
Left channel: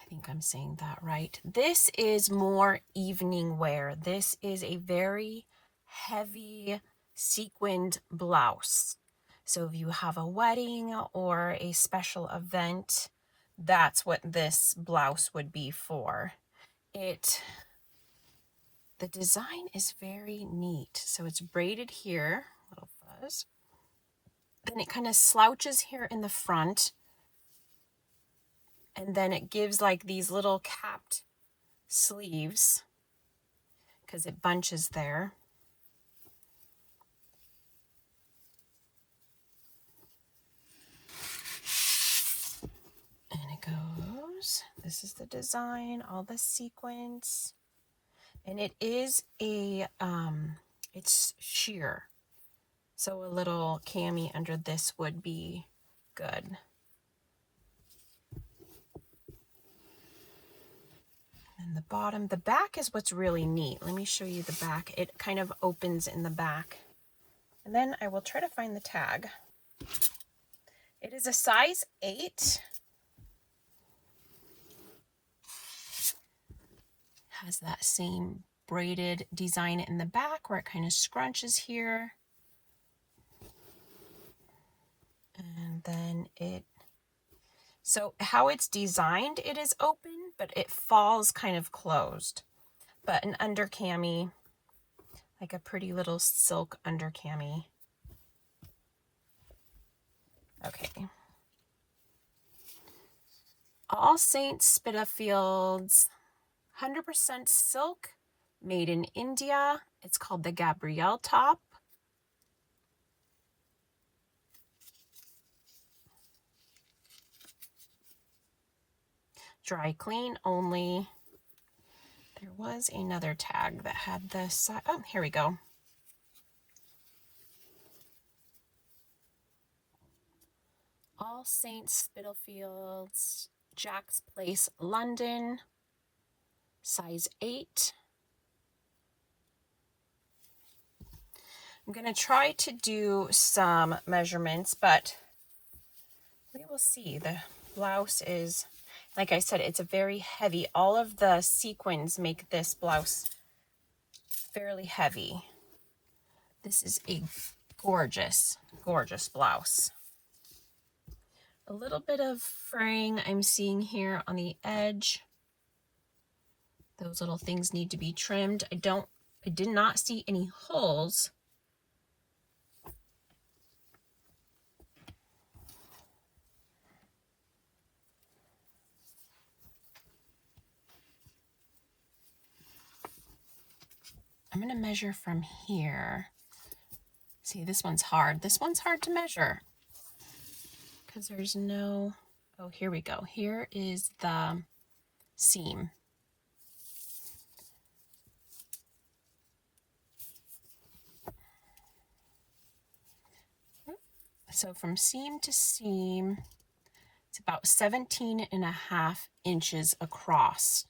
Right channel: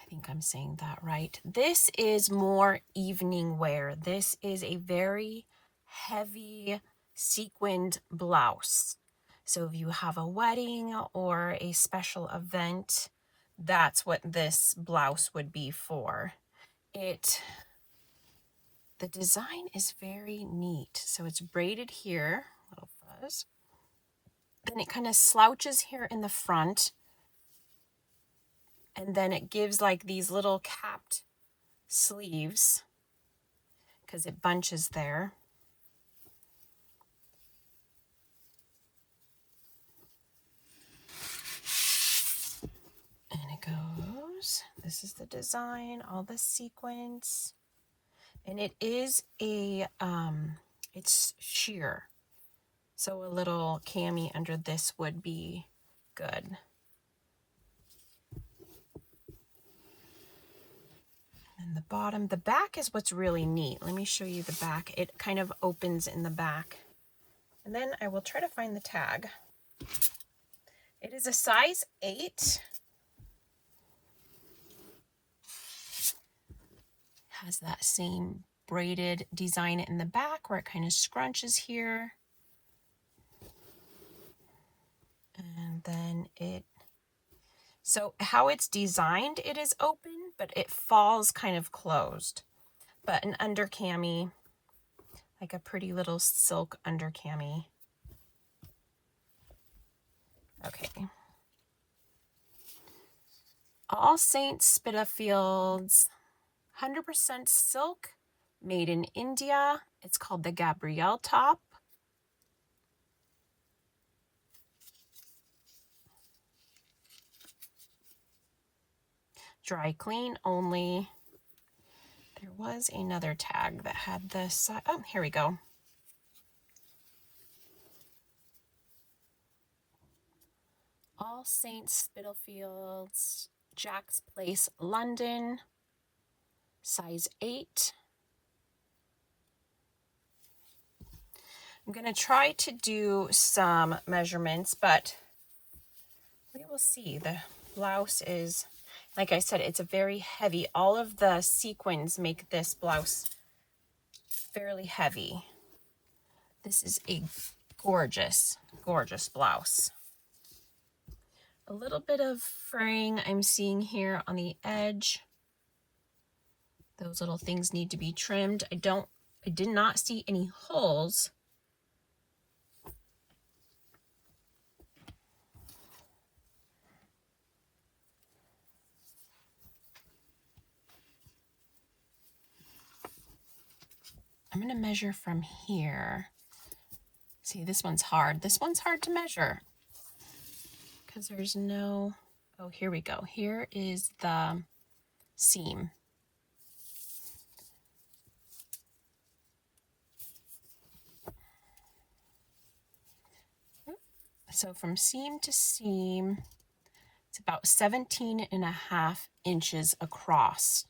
I think I'm saying that right. This is more evening wear. This is a very heavy sequined blouse. So if you have a wedding or a special event, that's what this blouse would be for. The design is very neat. So it's braided here, little fuzz. Then it kind of slouches here in the front. And then it gives like these little capped sleeves because it bunches there. And it goes, this is the design, all the sequins. And it is it's sheer. So a little cami under this would be good. And the bottom, the back is what's really neat. Let me show you the back. It kind of opens in the back. And then I will try to find the tag. It is a size 8. Has that same braided design in the back where it kind of scrunches here. And then so how it's designed, it is open, but it falls kind of closed. But an under cami, like a pretty little silk under cami. Okay. All Saints Spitalfields, 100% silk, made in India. It's called the Gabrielle top. Dry clean only. There was another tag that had this. Oh, here we go. All Saints Spitalfields, Jack's Place, London, size 8. I'm going to try to do some measurements, but we will see. The blouse is, like I said, it's a very heavy. All of the sequins make this blouse fairly heavy. This is a gorgeous, gorgeous blouse. A little bit of fraying I'm seeing here on the edge. Those little things need to be trimmed. I did not see any holes. I'm going to measure from here. See, this one's hard. This one's hard to measure because there's no, oh, here we go. Here is the seam. So from seam to seam, it's about 17.5 inches across.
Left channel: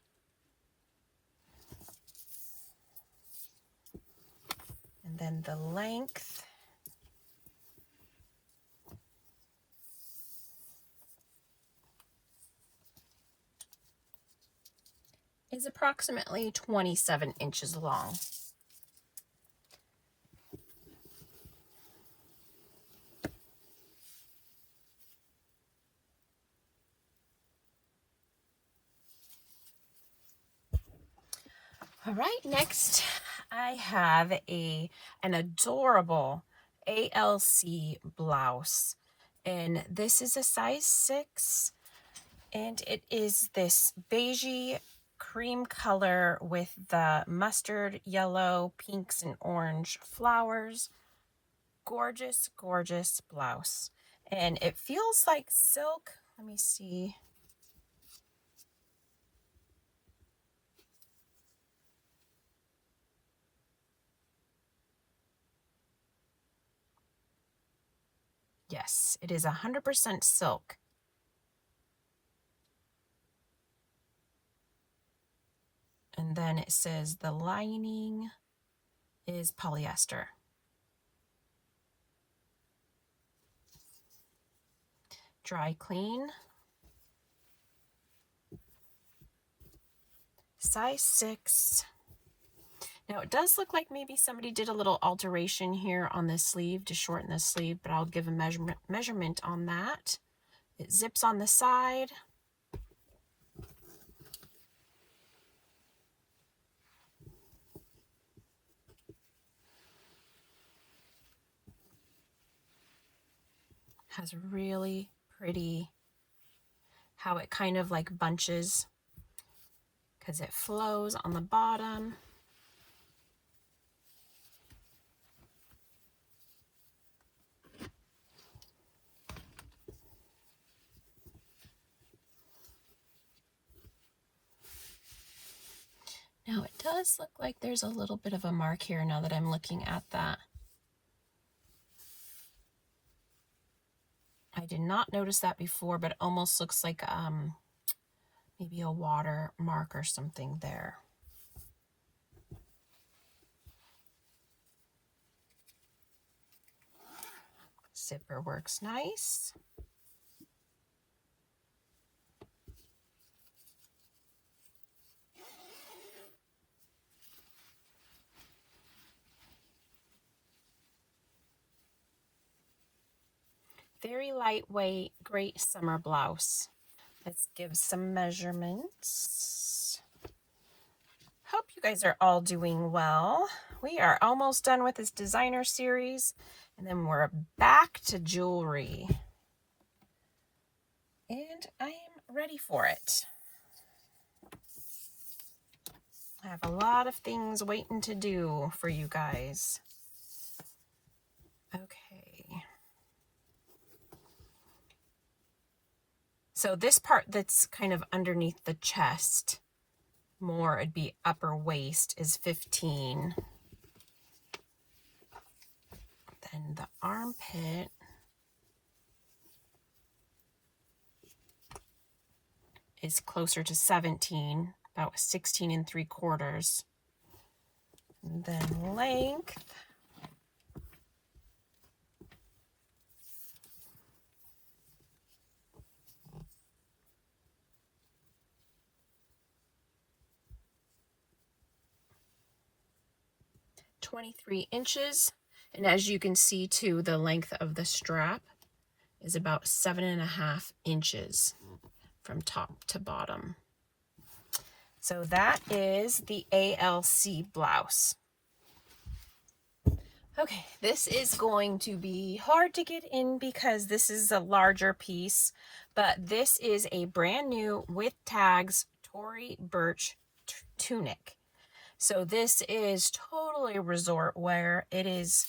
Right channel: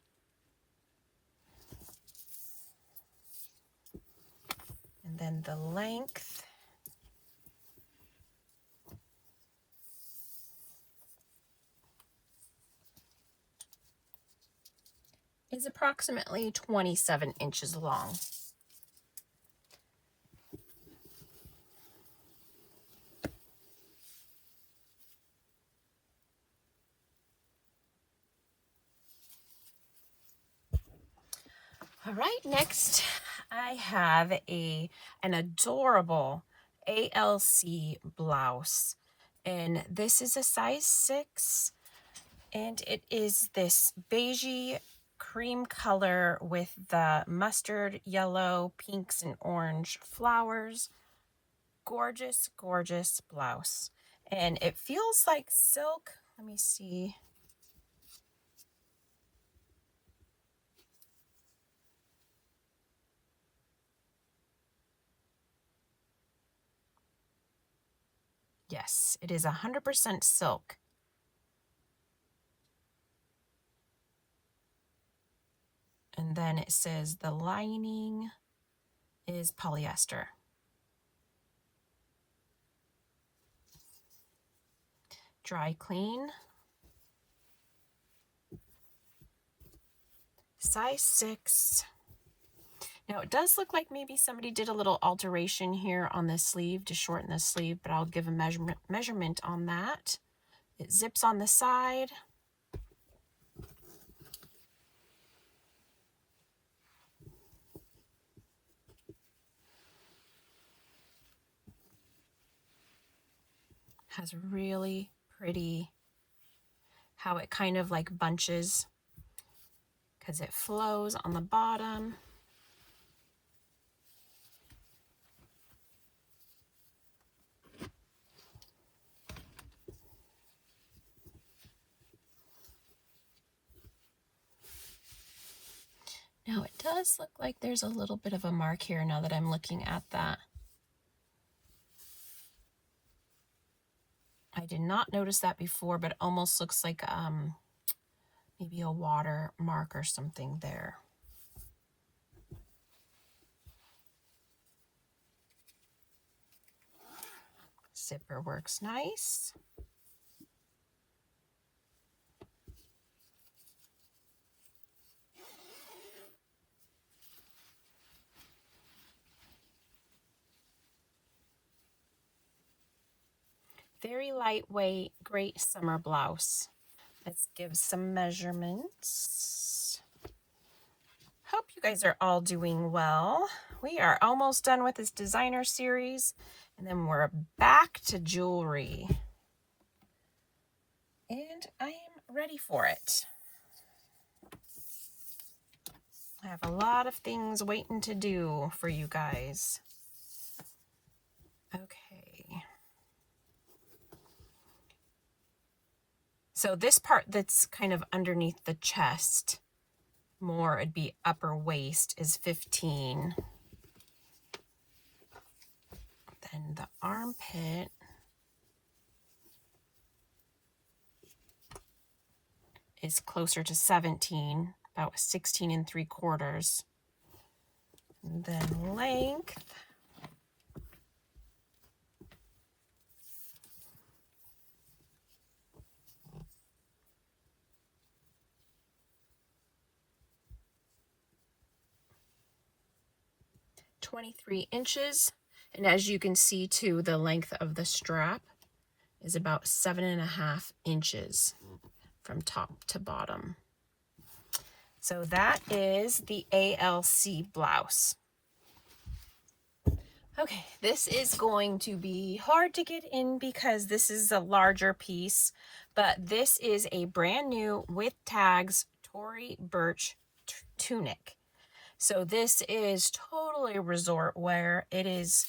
And then the length is approximately 27 inches long. All right, next I have an adorable ALC blouse, and this is a size 6, and it is this beigey cream color with the mustard yellow, pinks, and orange flowers. Gorgeous, gorgeous blouse, and it feels like silk. Let me see. Yes, it is 100% silk. And then it says the lining is polyester. Dry clean. Size 6. Now it does look like maybe somebody did a little alteration here on this sleeve to shorten the sleeve, but I'll give a measurement on that. It zips on the side. Has really pretty how it kind of like bunches because it flows on the bottom. Now it does look like there's a little bit of a mark here now that I'm looking at that. I did not notice that before, but it almost looks like maybe a water mark or something there. Zipper works nice. Very lightweight, great summer blouse. Let's give some measurements. Hope you guys are all doing well. We are almost done with this designer series, and then we're back to jewelry. And I am ready for it. I have a lot of things waiting to do for you guys. Okay. So this part that's kind of underneath the chest, more it'd be upper waist, is 15. Then the armpit is closer to 17, about 16 3/4. And then length, (23 inches). And as you can see too, the length of the strap is about 7.5 inches from top to bottom. So that is the ALC blouse. Okay, this is going to be hard to get in because this is a larger piece, but this is a brand new with tags Tory Burch tunic. So this is totally resort wear. It is,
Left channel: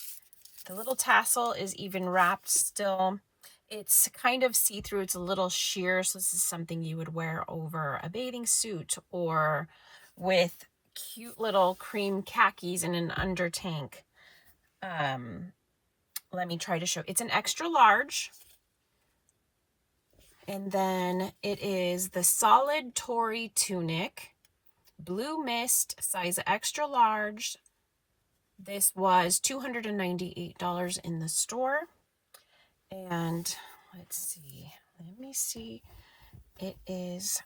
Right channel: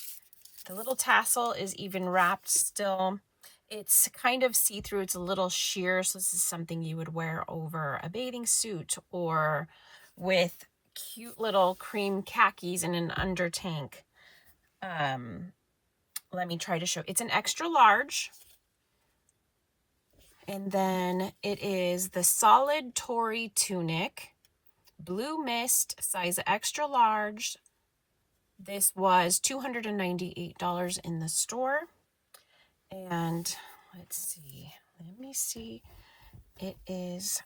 the little tassel is even wrapped still. It's kind of see-through. It's a little sheer, so this is something you would wear over a bathing suit or with cute little cream khakis and an under tank. Let me try to show. It's an extra large. And then it is the solid Tory tunic, blue mist, size extra large. This was $298 in the store. And let's see, let me see, it is,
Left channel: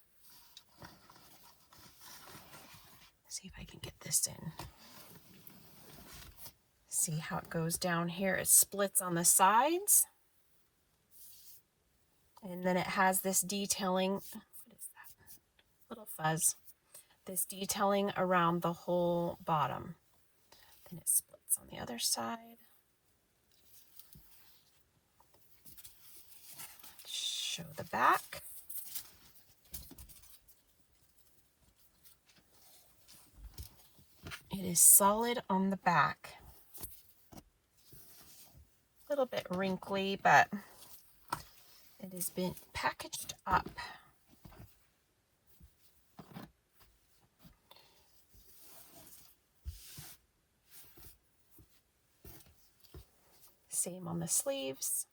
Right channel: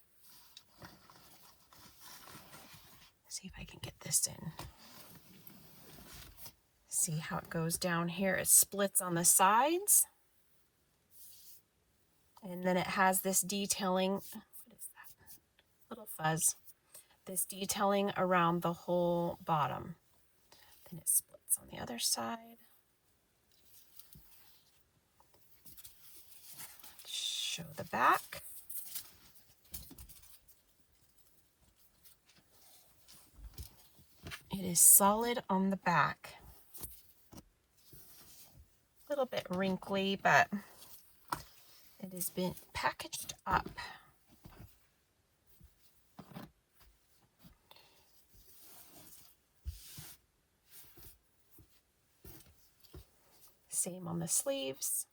let's see if I can get this in. See how it goes down here. It splits on the sides. And then it has this detailing, what is that? Little fuzz. This detailing around the whole bottom. Then it splits on the other side. Show the back. It is solid on the back. A little bit wrinkly, but it has been packaged up. Same on the sleeves.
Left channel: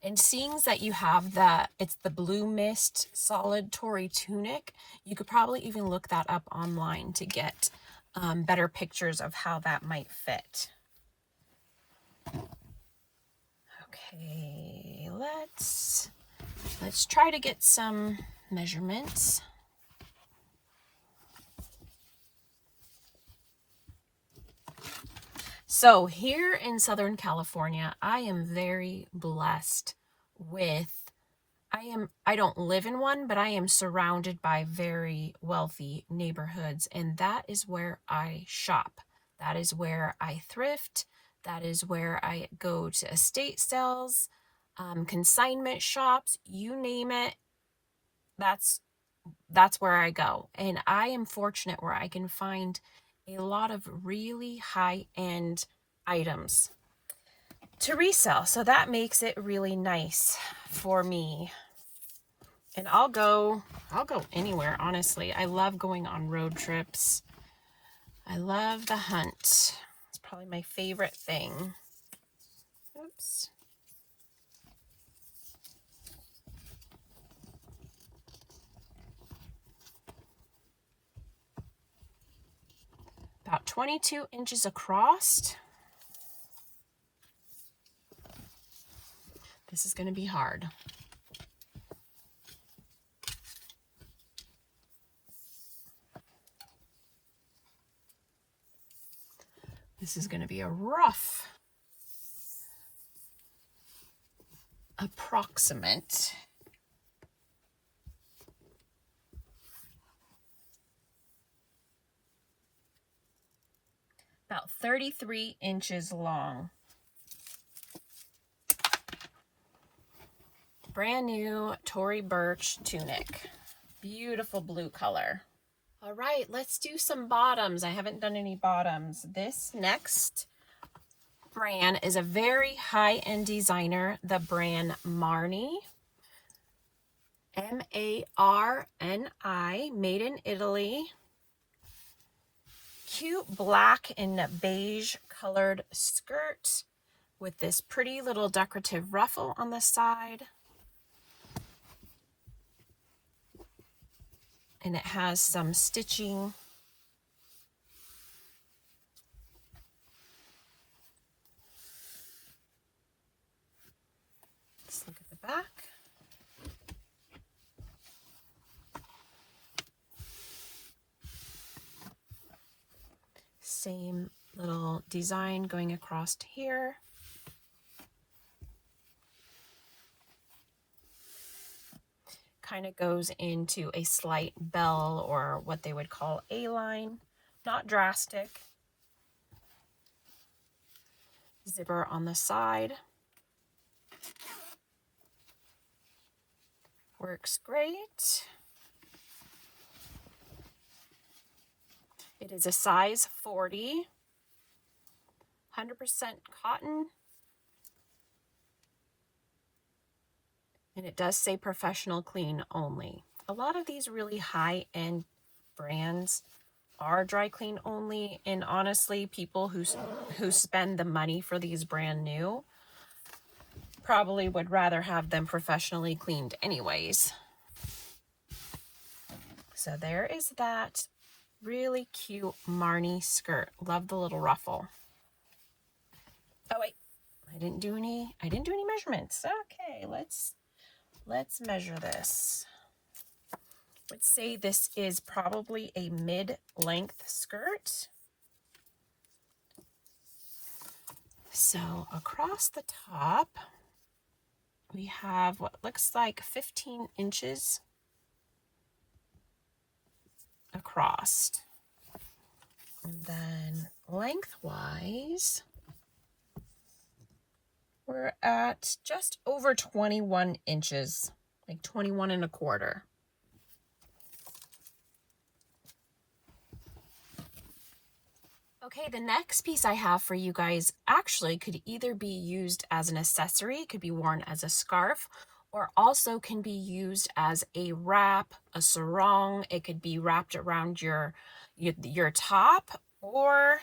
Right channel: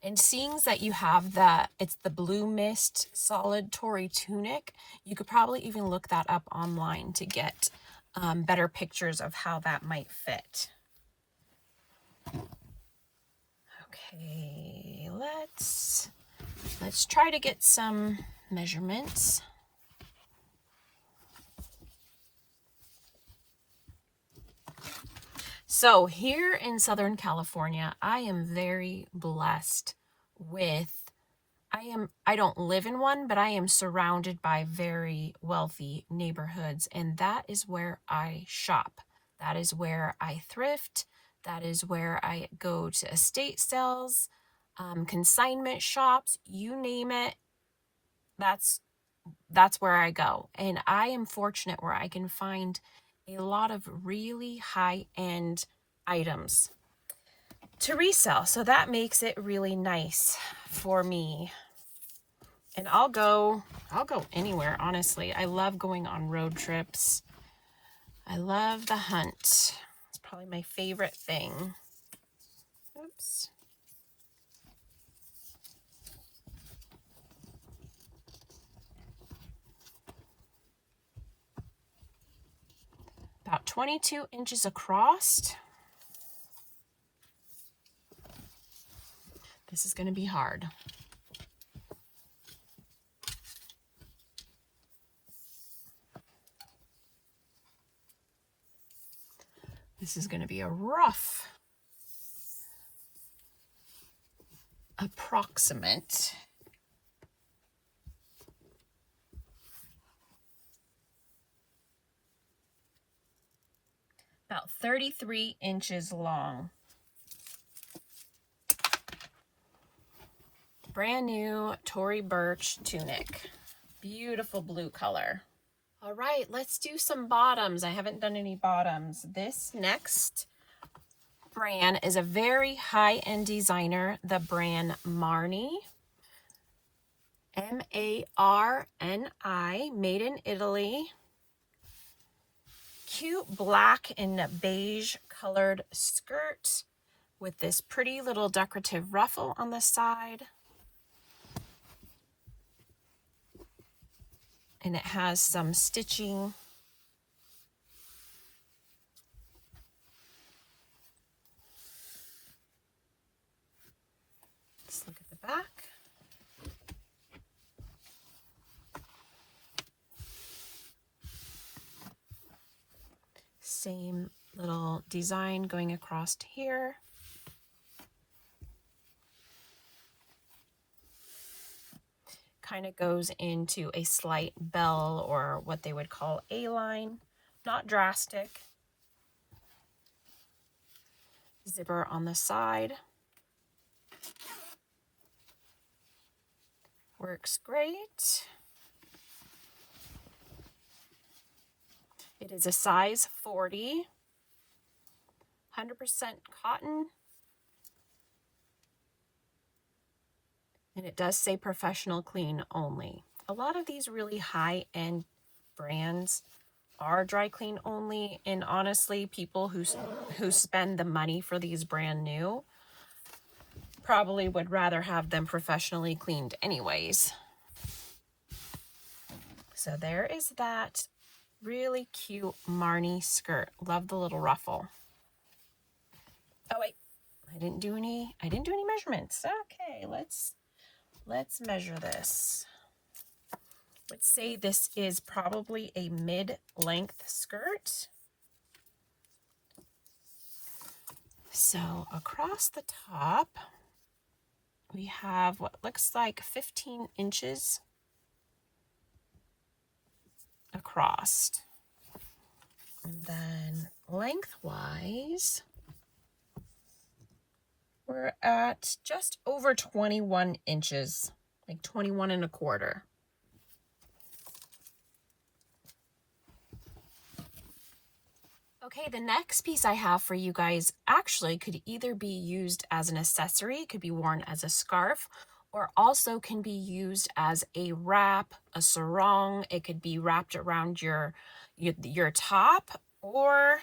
And seeing that you have it's the blue mist solid Tory tunic, you could probably even look that up online to get better pictures of how that might fit. Okay, let's try to get some measurements. So here in Southern California, I am very blessed with, I don't live in one, but I am surrounded by very wealthy neighborhoods, and that is where I shop. That is where I thrift. That is where I go to estate sales, consignment shops, you name it. That's where I go. And I am fortunate where I can find a lot of really high-end items to resell. So that makes it really nice for me. And I'll go anywhere, honestly. I love going on road trips. I love the hunt. It's probably my favorite thing. Oops. About 22 inches across. This is going to be hard. This is going to be a rough approximate. About 33 inches long. Brand new Tory Burch tunic. Beautiful blue color. All right, let's do some bottoms. I haven't done any bottoms. This next brand is a very high-end designer, the brand Marni. M-A-R-N-I, made in Italy. Cute black and beige colored skirt with this pretty little decorative ruffle on the side. And it has some stitching. Let's look at the back. Same little design going across here. Kind of goes into a slight bell, or what they would call A-line. Not drastic. Zipper on the side. Works great. It is a size 40, 100% cotton, and it does say professional clean only. A lot of these really high-end brands are dry clean only, and honestly, people who spend the money for these brand new probably would rather have them professionally cleaned anyways. So there is that. Really cute Marni skirt. Love the little ruffle. Oh wait, I didn't do any measurements. Okay, let's measure this. Let's say this is probably a mid-length skirt. So across the top, we have what looks like 15 inches across. And then lengthwise, we're at just over 21 inches, like 21 and a quarter. Okay, the next piece I have for you guys actually could either be used as an accessory, could be worn as a scarf, or also can be used as a wrap, a sarong. It could be wrapped around your top, or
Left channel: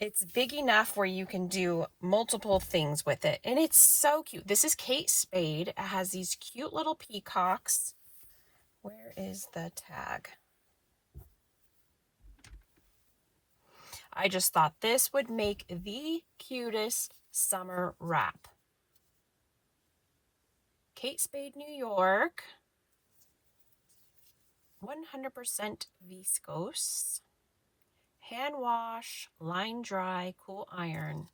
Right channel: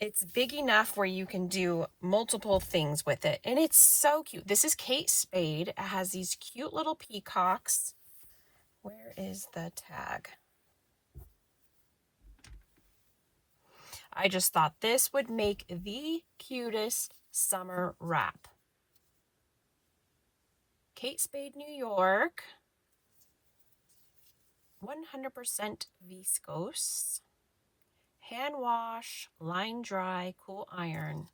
it's big enough where you can do multiple things with it. And it's so cute. This is Kate Spade. It has these cute little peacocks. Where is the tag? I just thought this would make the cutest summer wrap. Kate Spade, New York. 100% viscose. Hand wash, line dry, cool iron.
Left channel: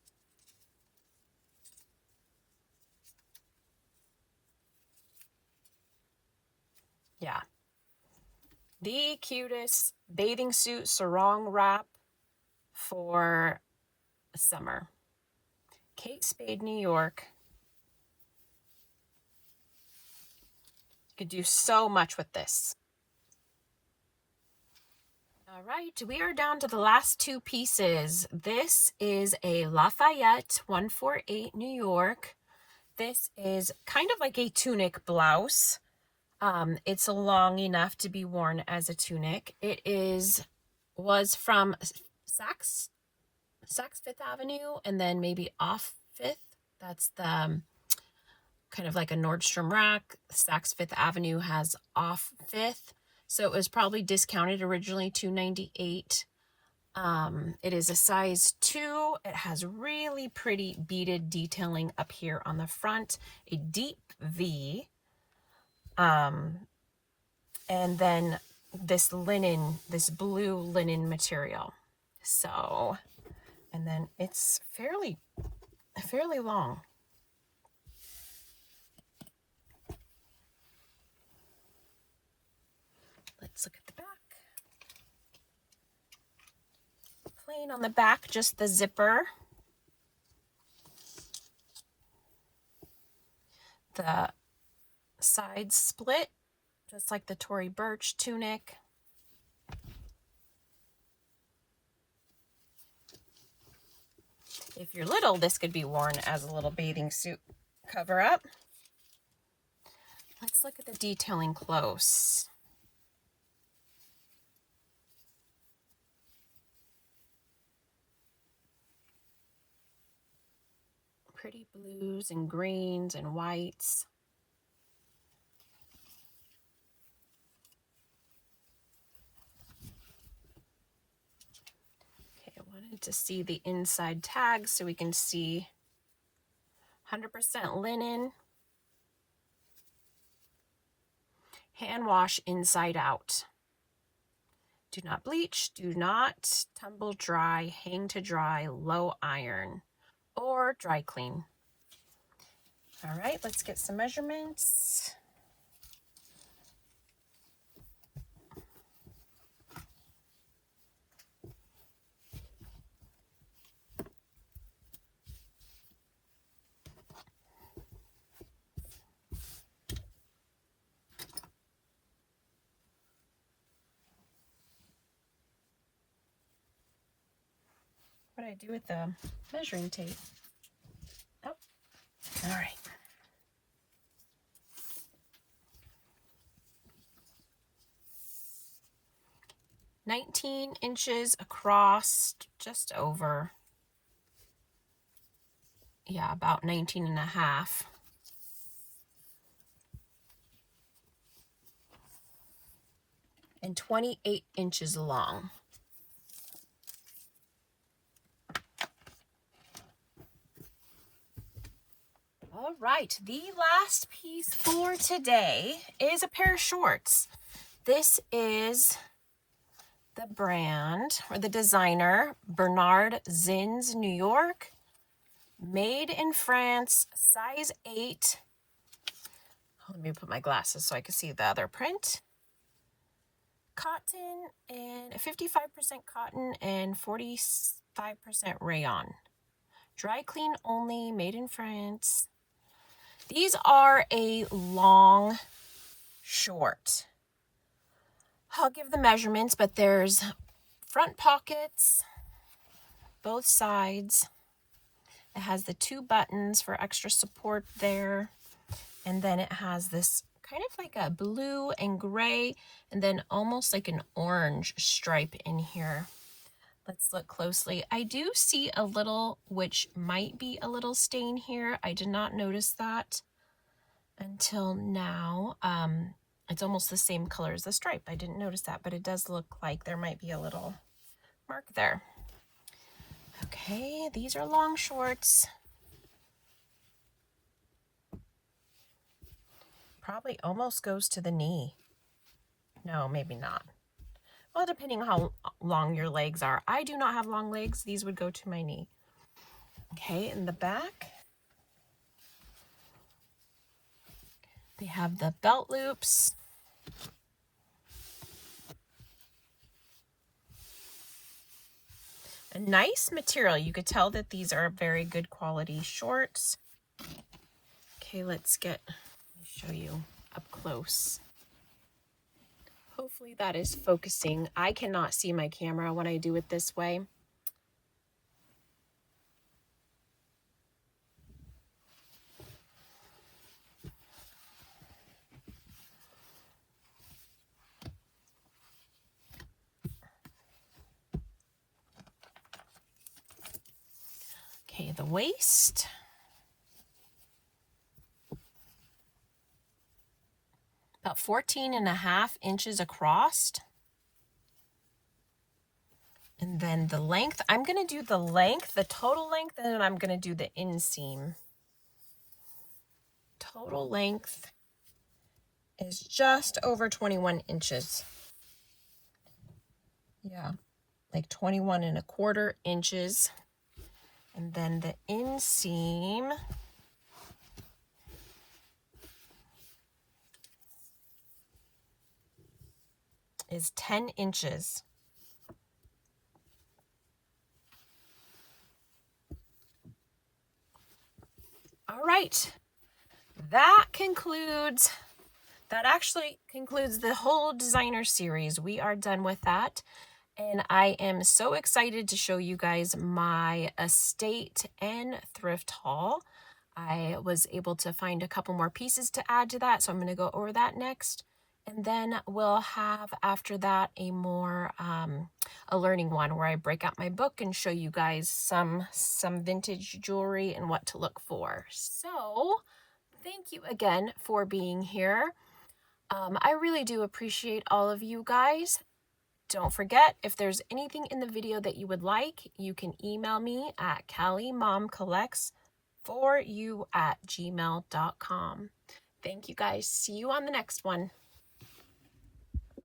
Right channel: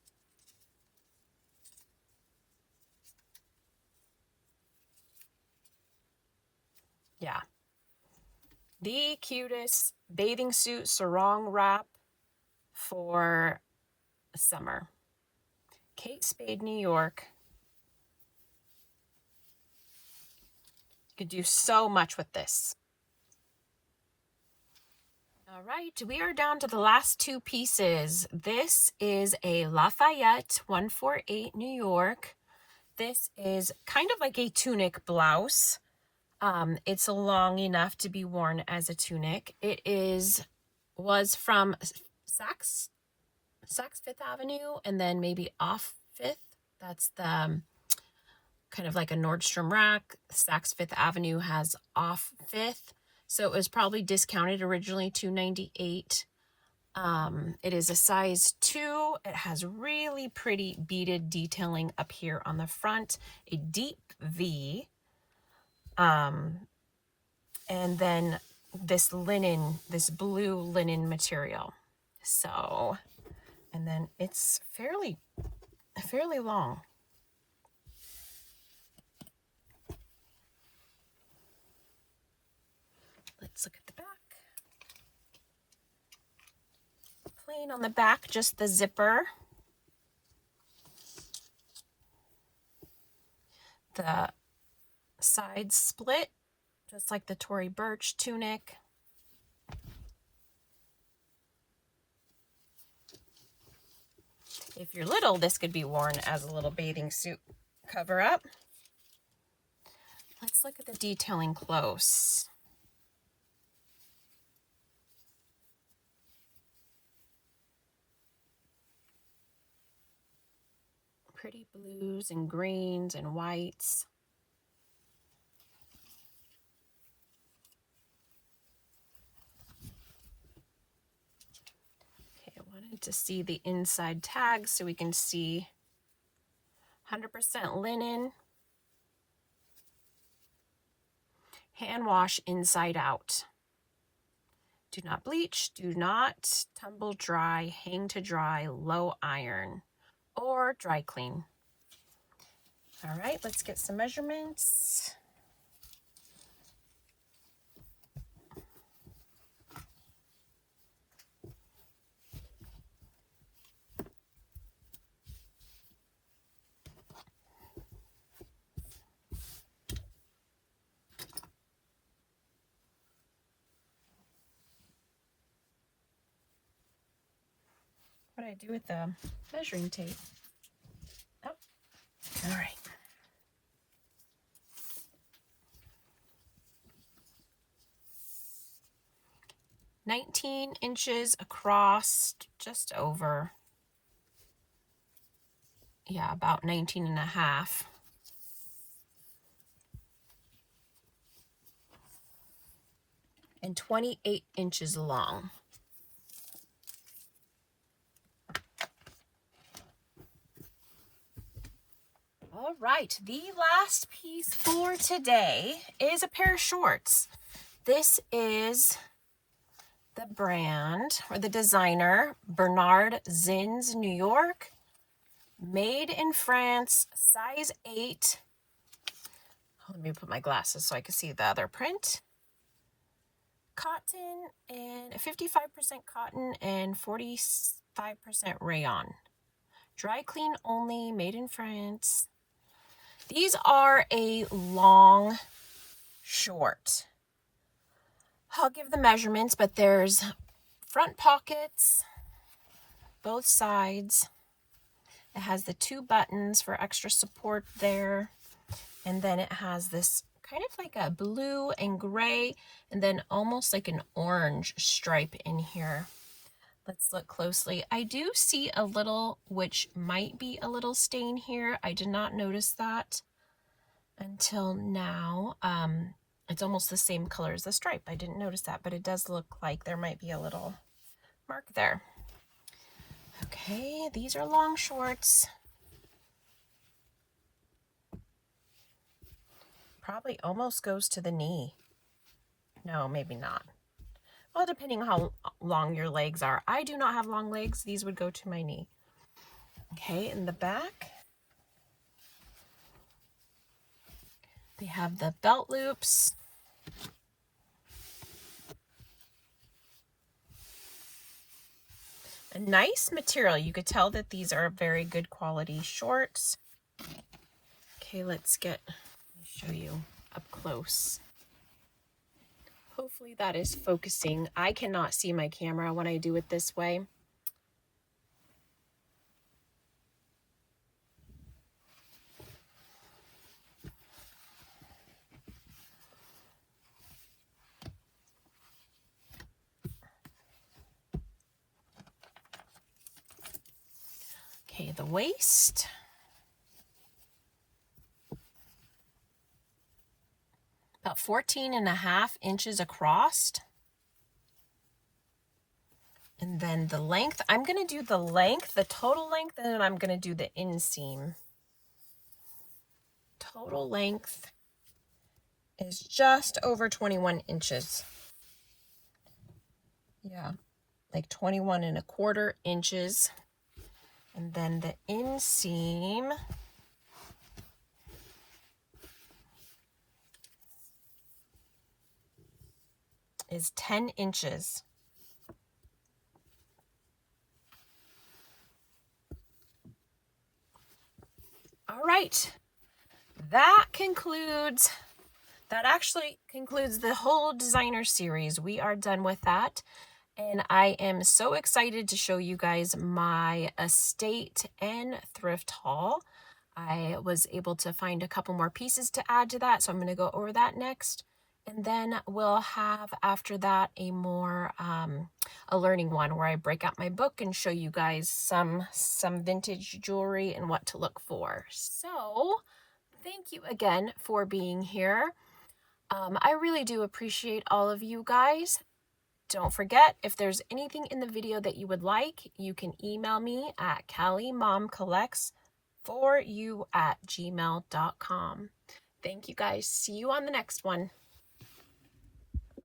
Yeah. The cutest bathing suit sarong wrap for summer. Kate Spade, New York. You could do so much with this. All right, we are down to the last two pieces. This is a Lafayette 148 New York. This is kind of like a tunic blouse. It's long enough to be worn as a tunic. It was from Saks Fifth Avenue, and then maybe off Fifth. That's the kind of like a Nordstrom rack. Saks Fifth Avenue has off Fifth, so it was probably discounted originally $298. It is a size 2. It has really pretty beaded detailing up here on the front, a deep V, and then this blue linen material. So, and then it's fairly long. Let's look at the back. Plain on the back, just the zipper. The sides split, just like the Tory Burch tunic. If you're little, this could be worn as a little bathing suit cover-up. Let's look at the detailing close. Pretty blues and greens and whites. Okay, I wanted to see the inside tag so we can see 100% linen. Hand wash inside out. Do not bleach, do not tumble dry, hang to dry, low iron, or dry clean. All right, let's get some measurements. What do I do with the measuring tape? Oh, all right. 19 inches across, just over. Yeah, about 19 and a half. And 28 inches long. All right, the last piece for today is a pair of shorts. This is the brand, or the designer, Bernard Zins, New York. Made in France, size 8. Let me put my glasses so I can see the other print. Cotton, and 55% cotton and 45% rayon. Dry clean only, made in France. These are a long short. I'll give the measurements, but there's front pockets, both sides. It has the 2 buttons for extra support there. And then it has this kind of like a blue and gray, and then almost like an orange stripe in here. Let's look closely. I do see a little, which might be a little stain here. I did not notice that until now. It's almost the same color as the stripe. I didn't notice that, but it does look like there might be a little mark there. Okay, these are long shorts. Probably almost goes to the knee. No, maybe not. Well, depending on how long your legs are. I do not have long legs. These would go to my knee. Okay, in the back, they have the belt loops. A nice material. You could tell that these are very good quality shorts. Okay, let's show you up close. Hopefully that is focusing. I cannot see my camera when I do it this way. Okay, the waist. About 14.5 inches across. And then the length, I'm going to do the length, the total length, and then I'm going to do the inseam. Total length is just over 21 inches. Yeah, like 21¼ inches. And then the inseam is 10 inches. All right, that actually concludes the whole designer series. We are done with that. And I am so excited to show you guys my estate and thrift haul. I was able to find a couple more pieces to add to that, so I'm going to go over that next. And then we'll have, after that, a more, a learning one where I break out my book and show you guys some vintage jewelry and what to look for. So, thank you again for being here. I really do appreciate all of you guys. Don't forget, if there's anything in the video that you would like, you can email me at calliemomcollects4you@gmail.com. Thank you guys. See you on the next one.